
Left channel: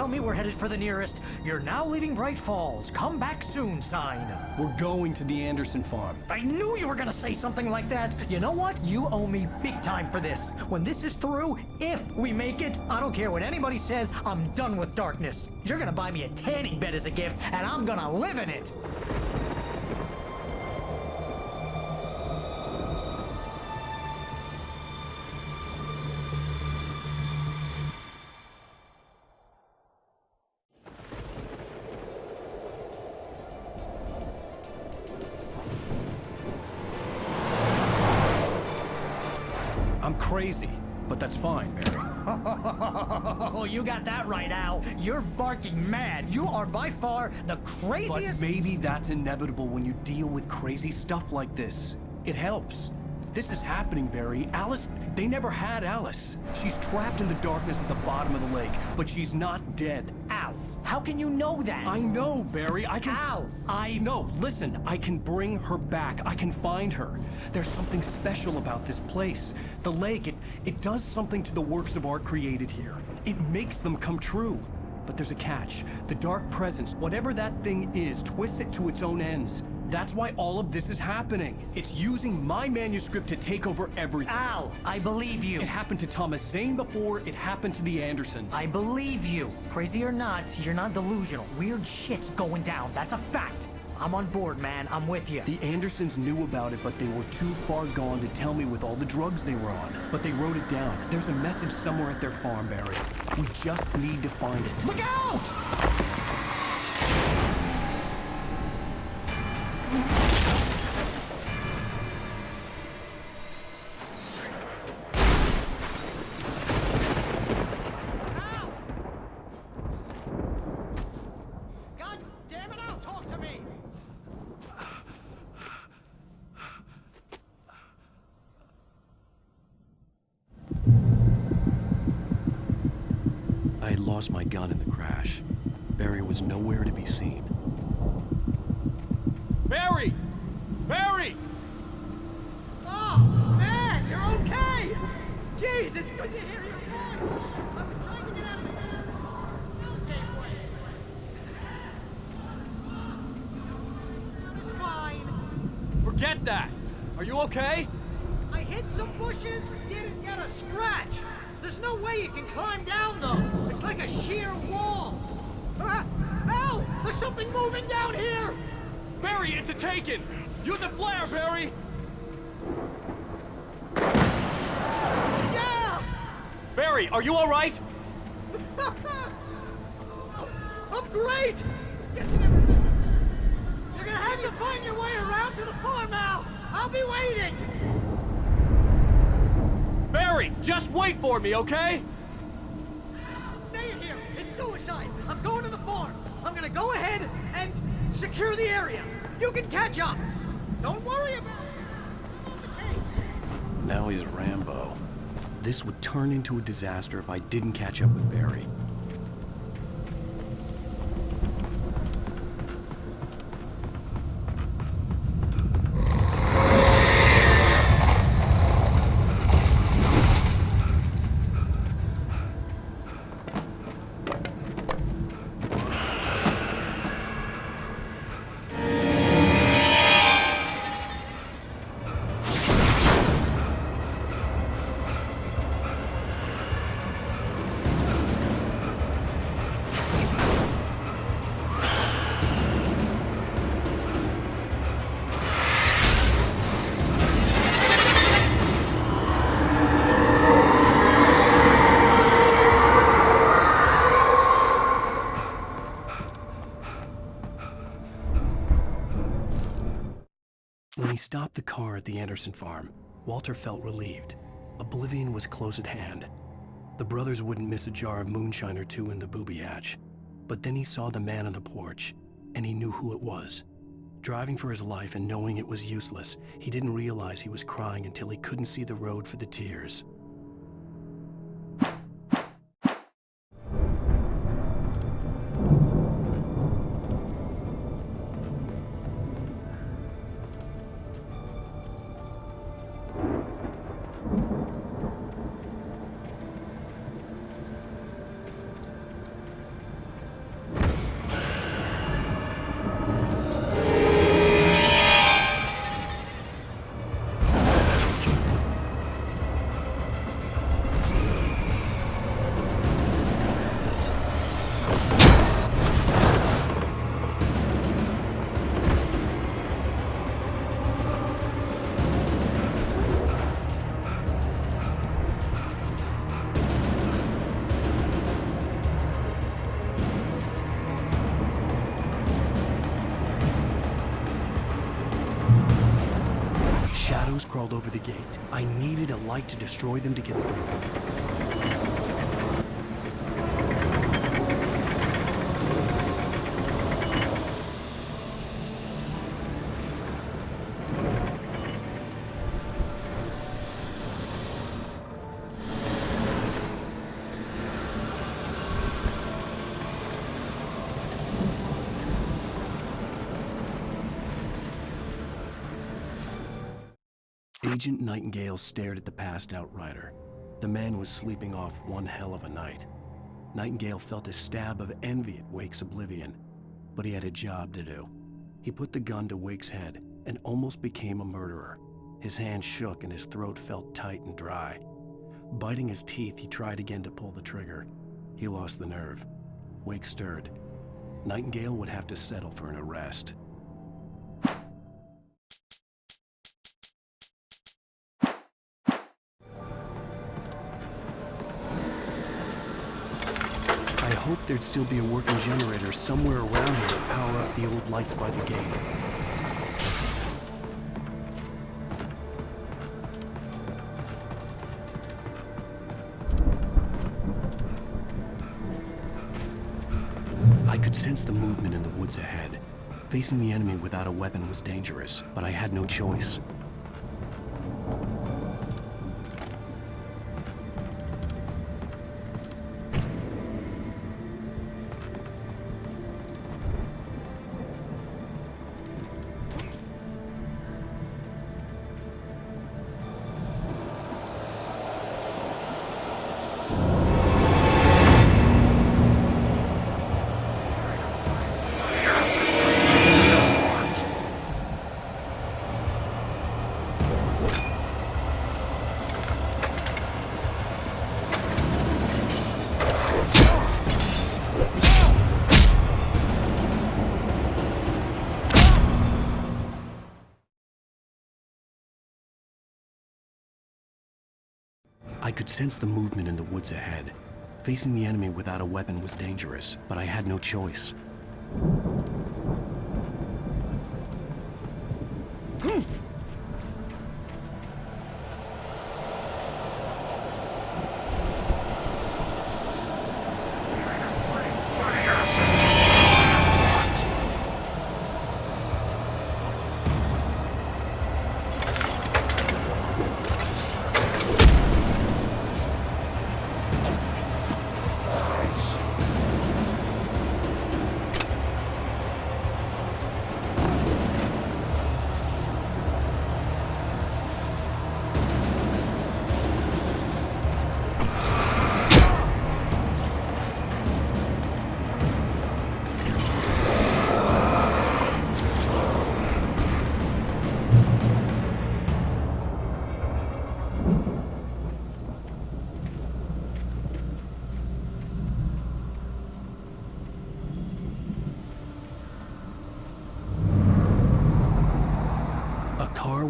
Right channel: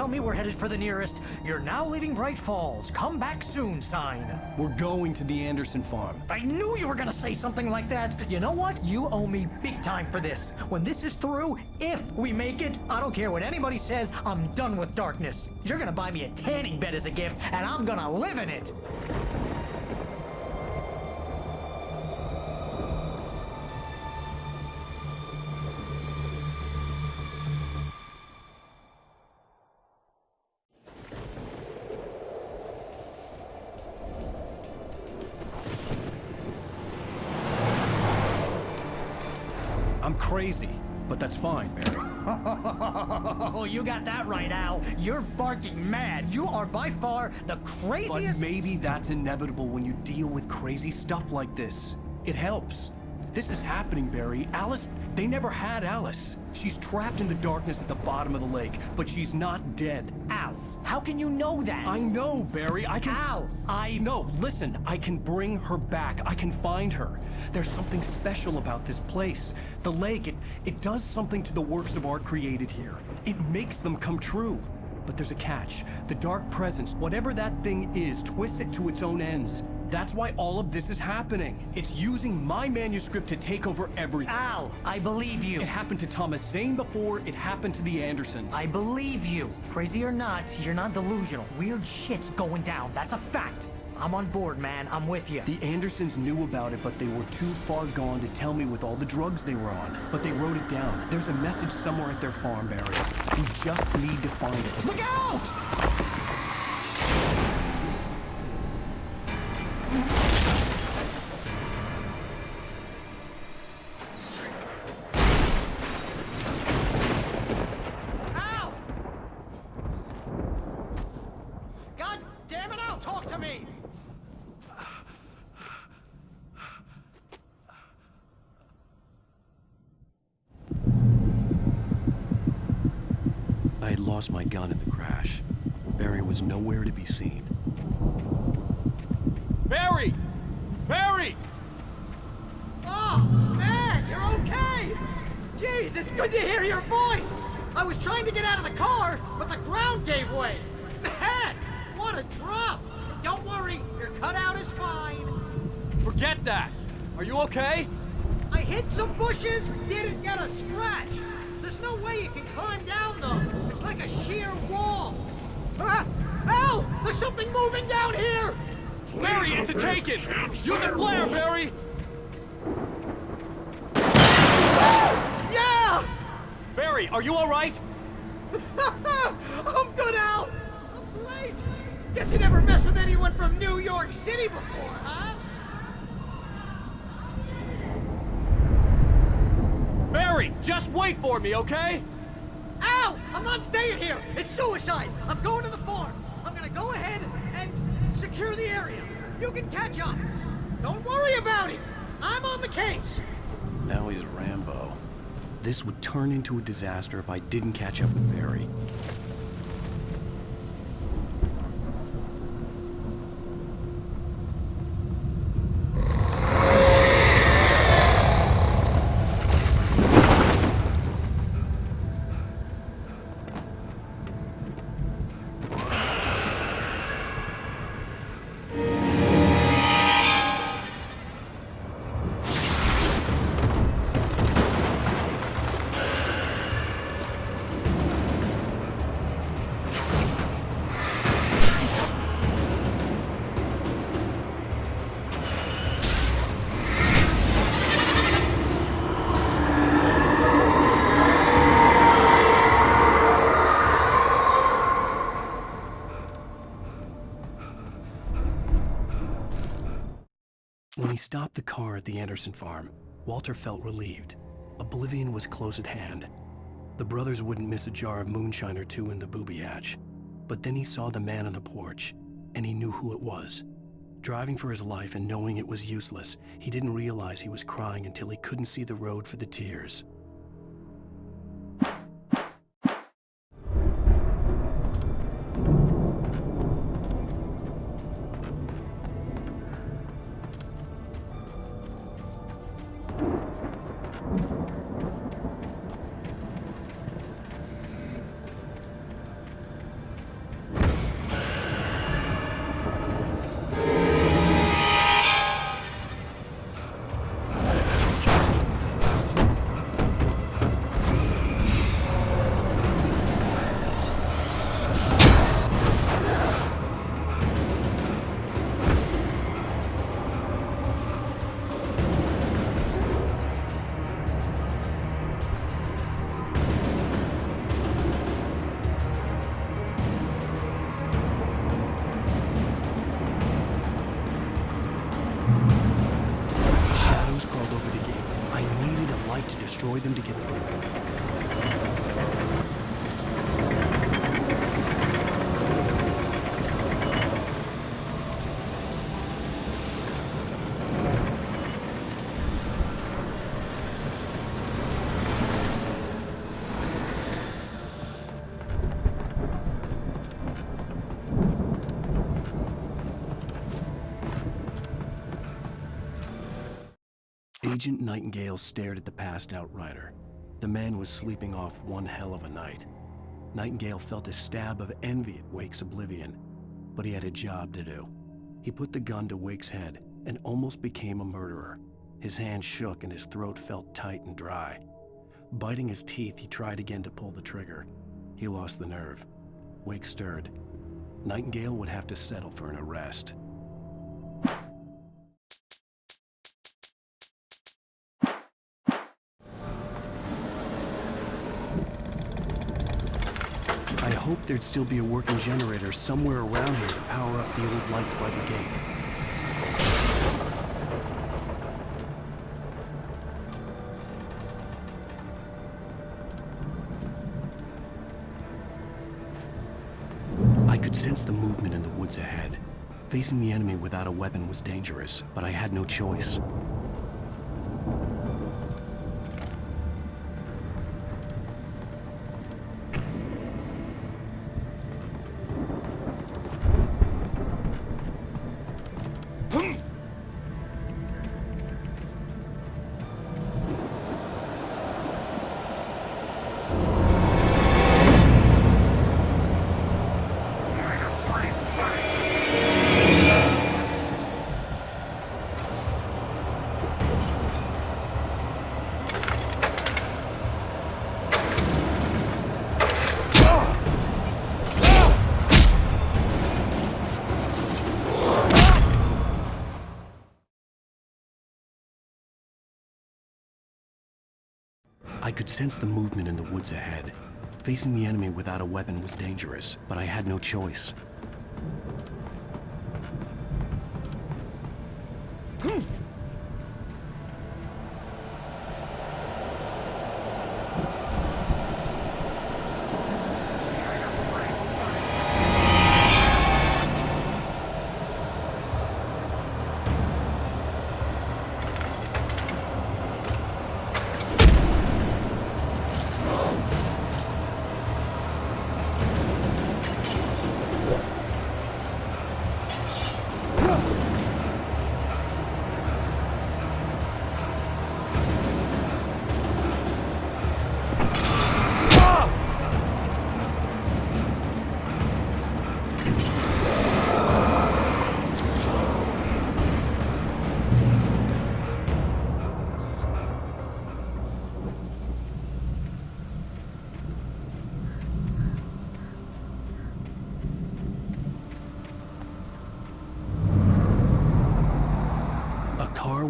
tell me we're headed for the nearest "You're now leaving Bright Falls. Come back soon" sign. We're going to the Anderson farm. I knew you were gonna say something like that. You know what? You owe me big time for this. When this is through, if we make it, I don't care what anybody says, I'm done with darkness. You're gonna buy me a tanning bed as a gift, and I'm gonna live in it. I'm crazy, but that's fine, Barry. Oh, you got that right, Al. You're barking mad. You are by far the craziest... But maybe that's inevitable when you deal with crazy stuff like this. It helps. This is happening, Barry. Alice, they never had Alice. She's trapped in the darkness at the bottom of the lake, but she's not dead. Al, how can you know that? I know, Barry. I can... Al, No, listen. I can bring her back. I can find her. There's something special about this place. The lake, it does something to the works of art created here. It makes them come true. But there's a catch. The dark presence, whatever that thing is, twists it to its own ends. That's why all of this is happening. It's using my manuscript to take over everything. Al, I believe you. It happened to Thomas Zane before, it happened to the Andersons. I believe you. Crazy or not, you're not delusional. Weird shit's going down. That's a fact. I'm on board, man. I'm with you. The Andersons knew about it, but they were too far gone to tell me with all the drugs they were on. But they wrote it down. There's a message somewhere at their farm, Barry. We just need to find it. Look out! I had lost my gun in the crash. Barry was nowhere to be seen. Barry! Barry! Oh, man, you're okay! Jeez, it's good to hear your voice! I was trying to get out of the car, but the ground gave way. Man, what a drop! Don't worry, your cutout is fine. Forget that! Are you okay? I hit some bushes, didn't get a scratch. There's no way you can climb down, though. It's like a sheer wall. Ah! Al! There's something moving down here! Barry, it's a taken! Use a flare, Barry! Yeah! Barry, are you alright? I'm good, Al! I'm great! Guess you never mess with anyone from New York City. Find your way around to the farm, Al! I'll be waiting! Barry, just wait for me, okay? Al! I'm not staying here! It's suicide! I'm going to the farm! I'm gonna go ahead and secure the area. You can catch up. Don't worry about it. I'm on the case. Now he's Rambo. This would turn into a disaster if I didn't catch up with Barry. When he stopped the car at the Anderson farm, Walter felt relieved. Oblivion was close at hand. The brothers wouldn't miss a jar of moonshine or two in the booby hatch. But then he saw the man on the porch, and he knew who it was. Driving for his life and knowing it was useless, he didn't realize he was crying until he couldn't see the road for the tears. gate. I needed a light to destroy them to get through. Agent Nightingale stared at the passed-out rider. The man was sleeping off one hell of a night. Nightingale felt a stab of envy at Wake's oblivion, but he had a job to do. He put the gun to Wake's head and almost became a murderer. His hand shook and his throat felt tight and dry. Biting his teeth, he tried again to pull the trigger. He lost the nerve. Wake stirred. Nightingale would have to settle for an arrest. I hoped there'd still be a working generator somewhere around here to power up the old lights by the gate. I could sense the movement in the woods ahead. Facing the enemy without a weapon was dangerous, but I had no choice. I could sense the movement in the woods ahead. Facing the enemy without a weapon was dangerous, but I had no choice.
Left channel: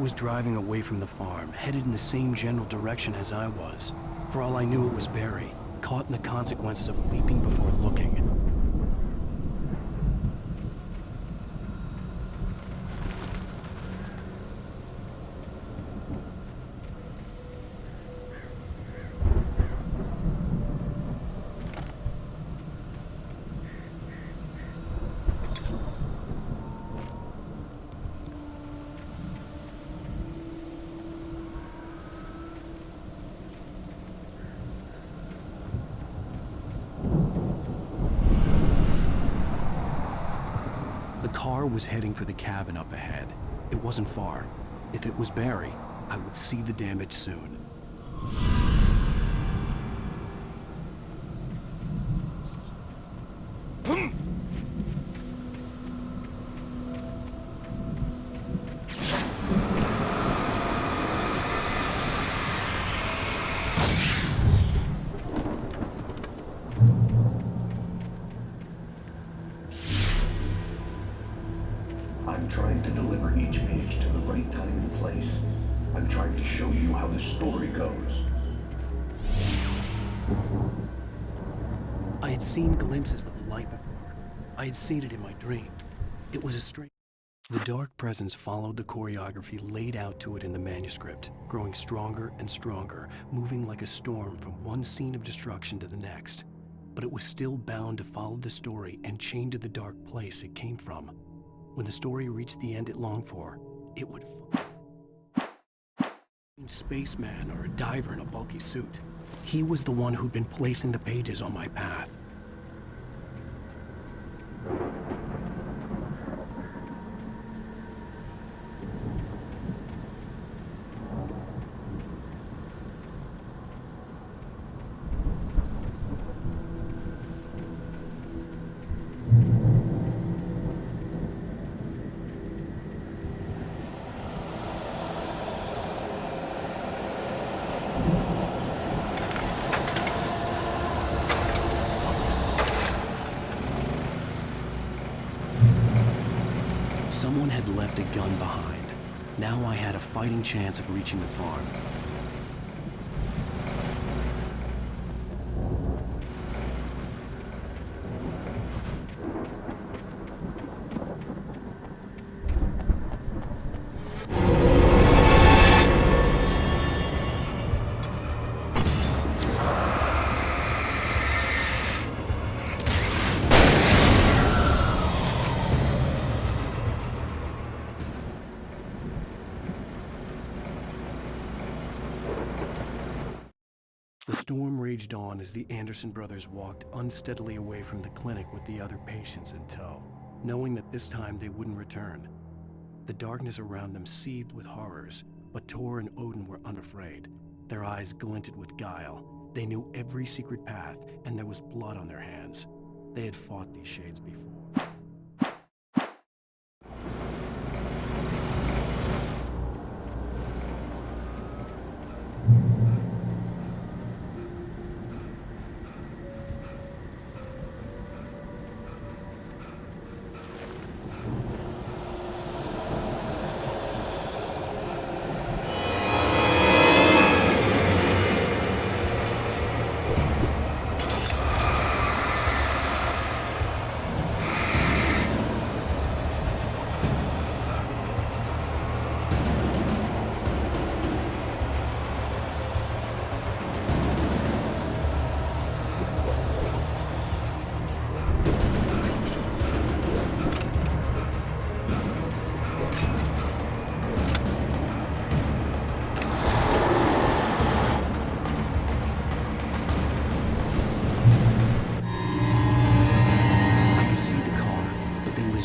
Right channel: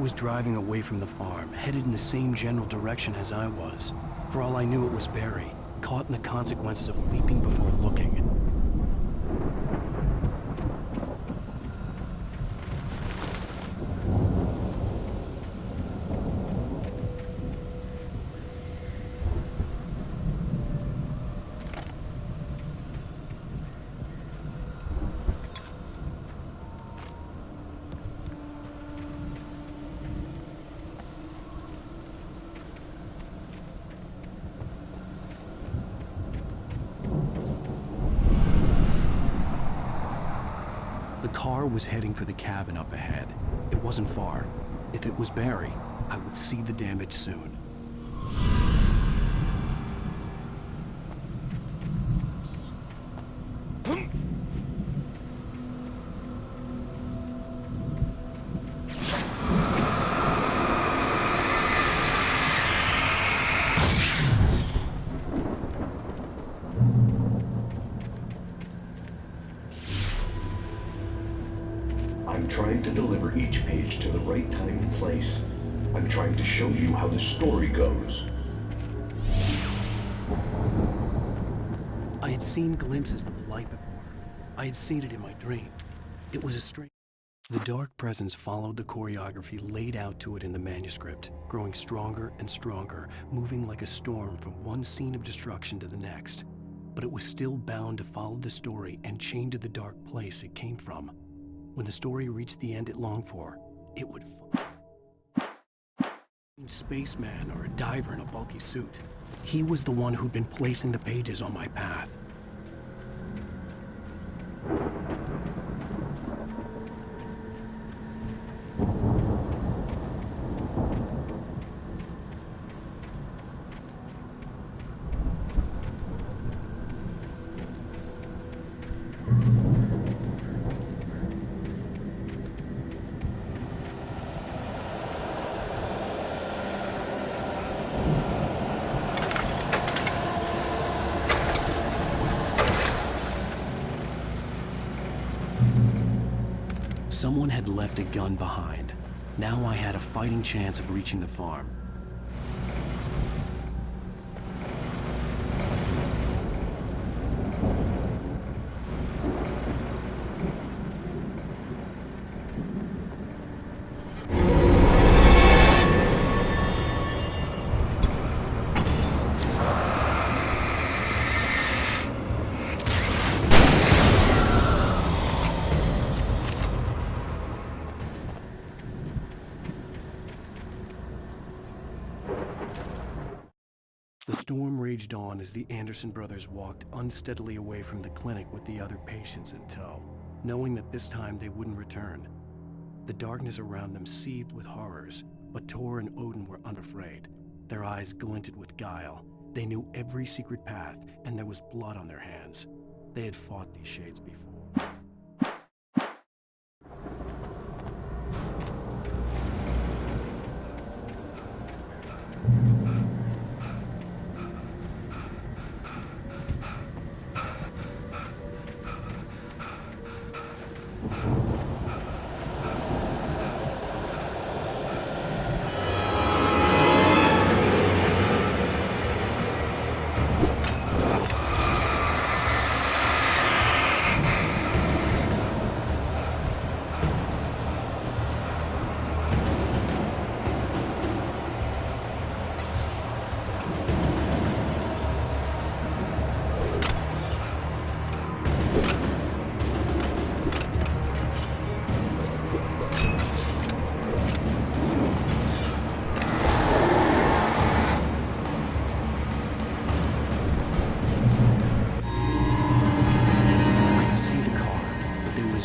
Was driving away from the farm, headed in the same general direction as I was. For all I knew, it was Barry, caught in the consequences of leaping before looking. The car was heading for the cabin up ahead. It wasn't far. If it was Barry, I would see the damage soon. I'm trying to deliver each page to the right time and place. I'm trying to show you how the story goes. I had seen glimpses of the light before. I had seen it in my dream. It was a strange... The dark presence followed the choreography laid out to it in the manuscript, growing stronger and stronger, moving like a storm from one scene of destruction to the next. But it was still bound to follow the story and chained to the dark place it came from. When the story reached the end it longed for, it would spaceman or a diver in a bulky suit. He was the one who'd been placing the pages on my path. Someone had left a gun behind. Now I had a fighting chance of reaching the farm. The storm raged on as the Anderson brothers walked unsteadily away from the clinic with the other patients in tow, knowing that this time they wouldn't return. The darkness around them seethed with horrors, but Tor and Odin were unafraid. Their eyes glinted with guile. They knew every secret path, and there was blood on their hands. They had fought these shades before.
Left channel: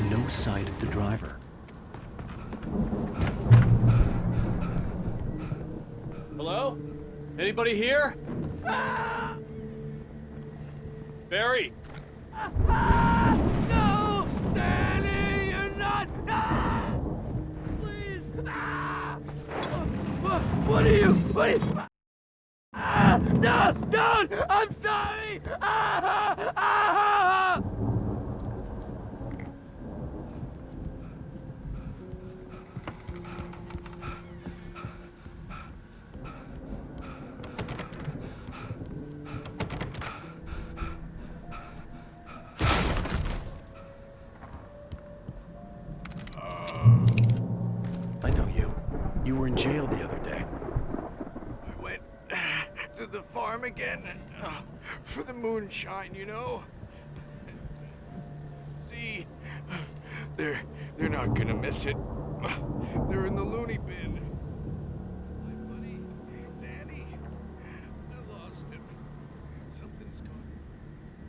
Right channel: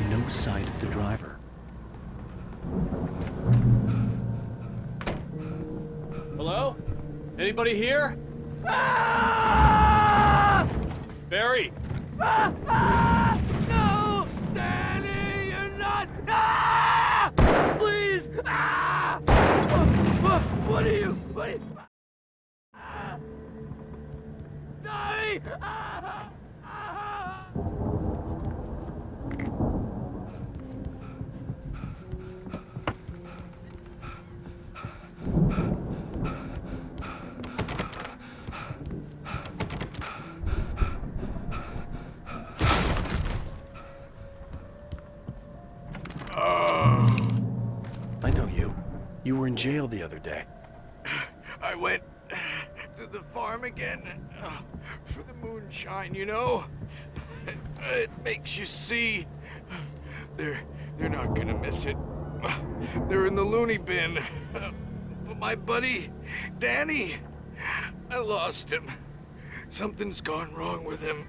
No sight of the driver. Hello? Anybody here? Ah! Barry! No! Danny, you're not! Ah! Please! Ah! What are you? Ah! No! Don't! I'm sorry! Ah! Ah! I know you. You were in jail the other day. I went to the farm again for the moonshine, you know? It makes you see. They're not gonna miss it. They're in the loony bin. But my buddy, Danny, I lost him. Something's gone wrong with him.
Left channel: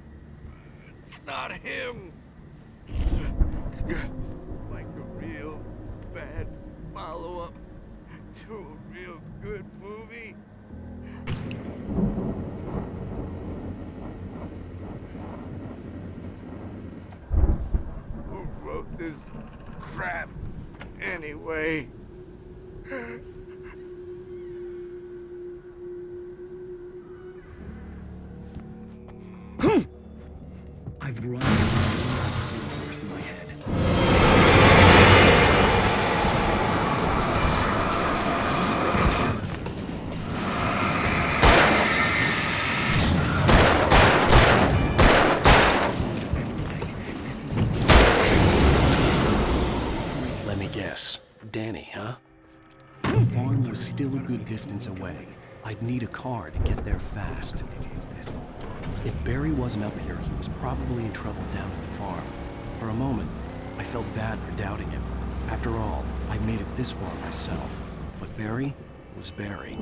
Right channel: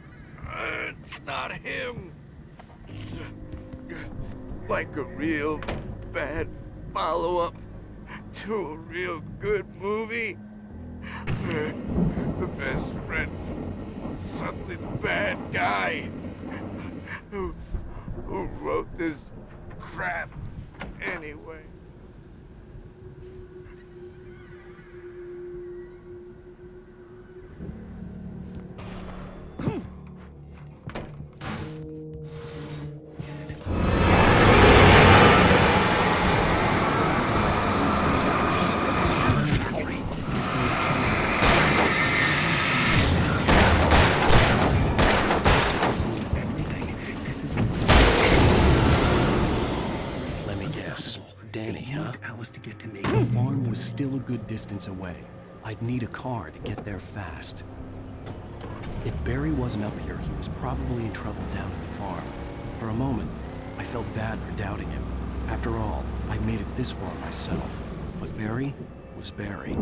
It's not him. Like a real bad follow-up to a real good movie. The best friend's something bad guy who wrote this crap anyway. I've run my head. still a good distance away. I'd need a car to get there fast. If Barry wasn't up here, he was probably in trouble down at the farm. For a moment, I felt bad for doubting him. After all, I'd made it this far myself. But Barry was Barry.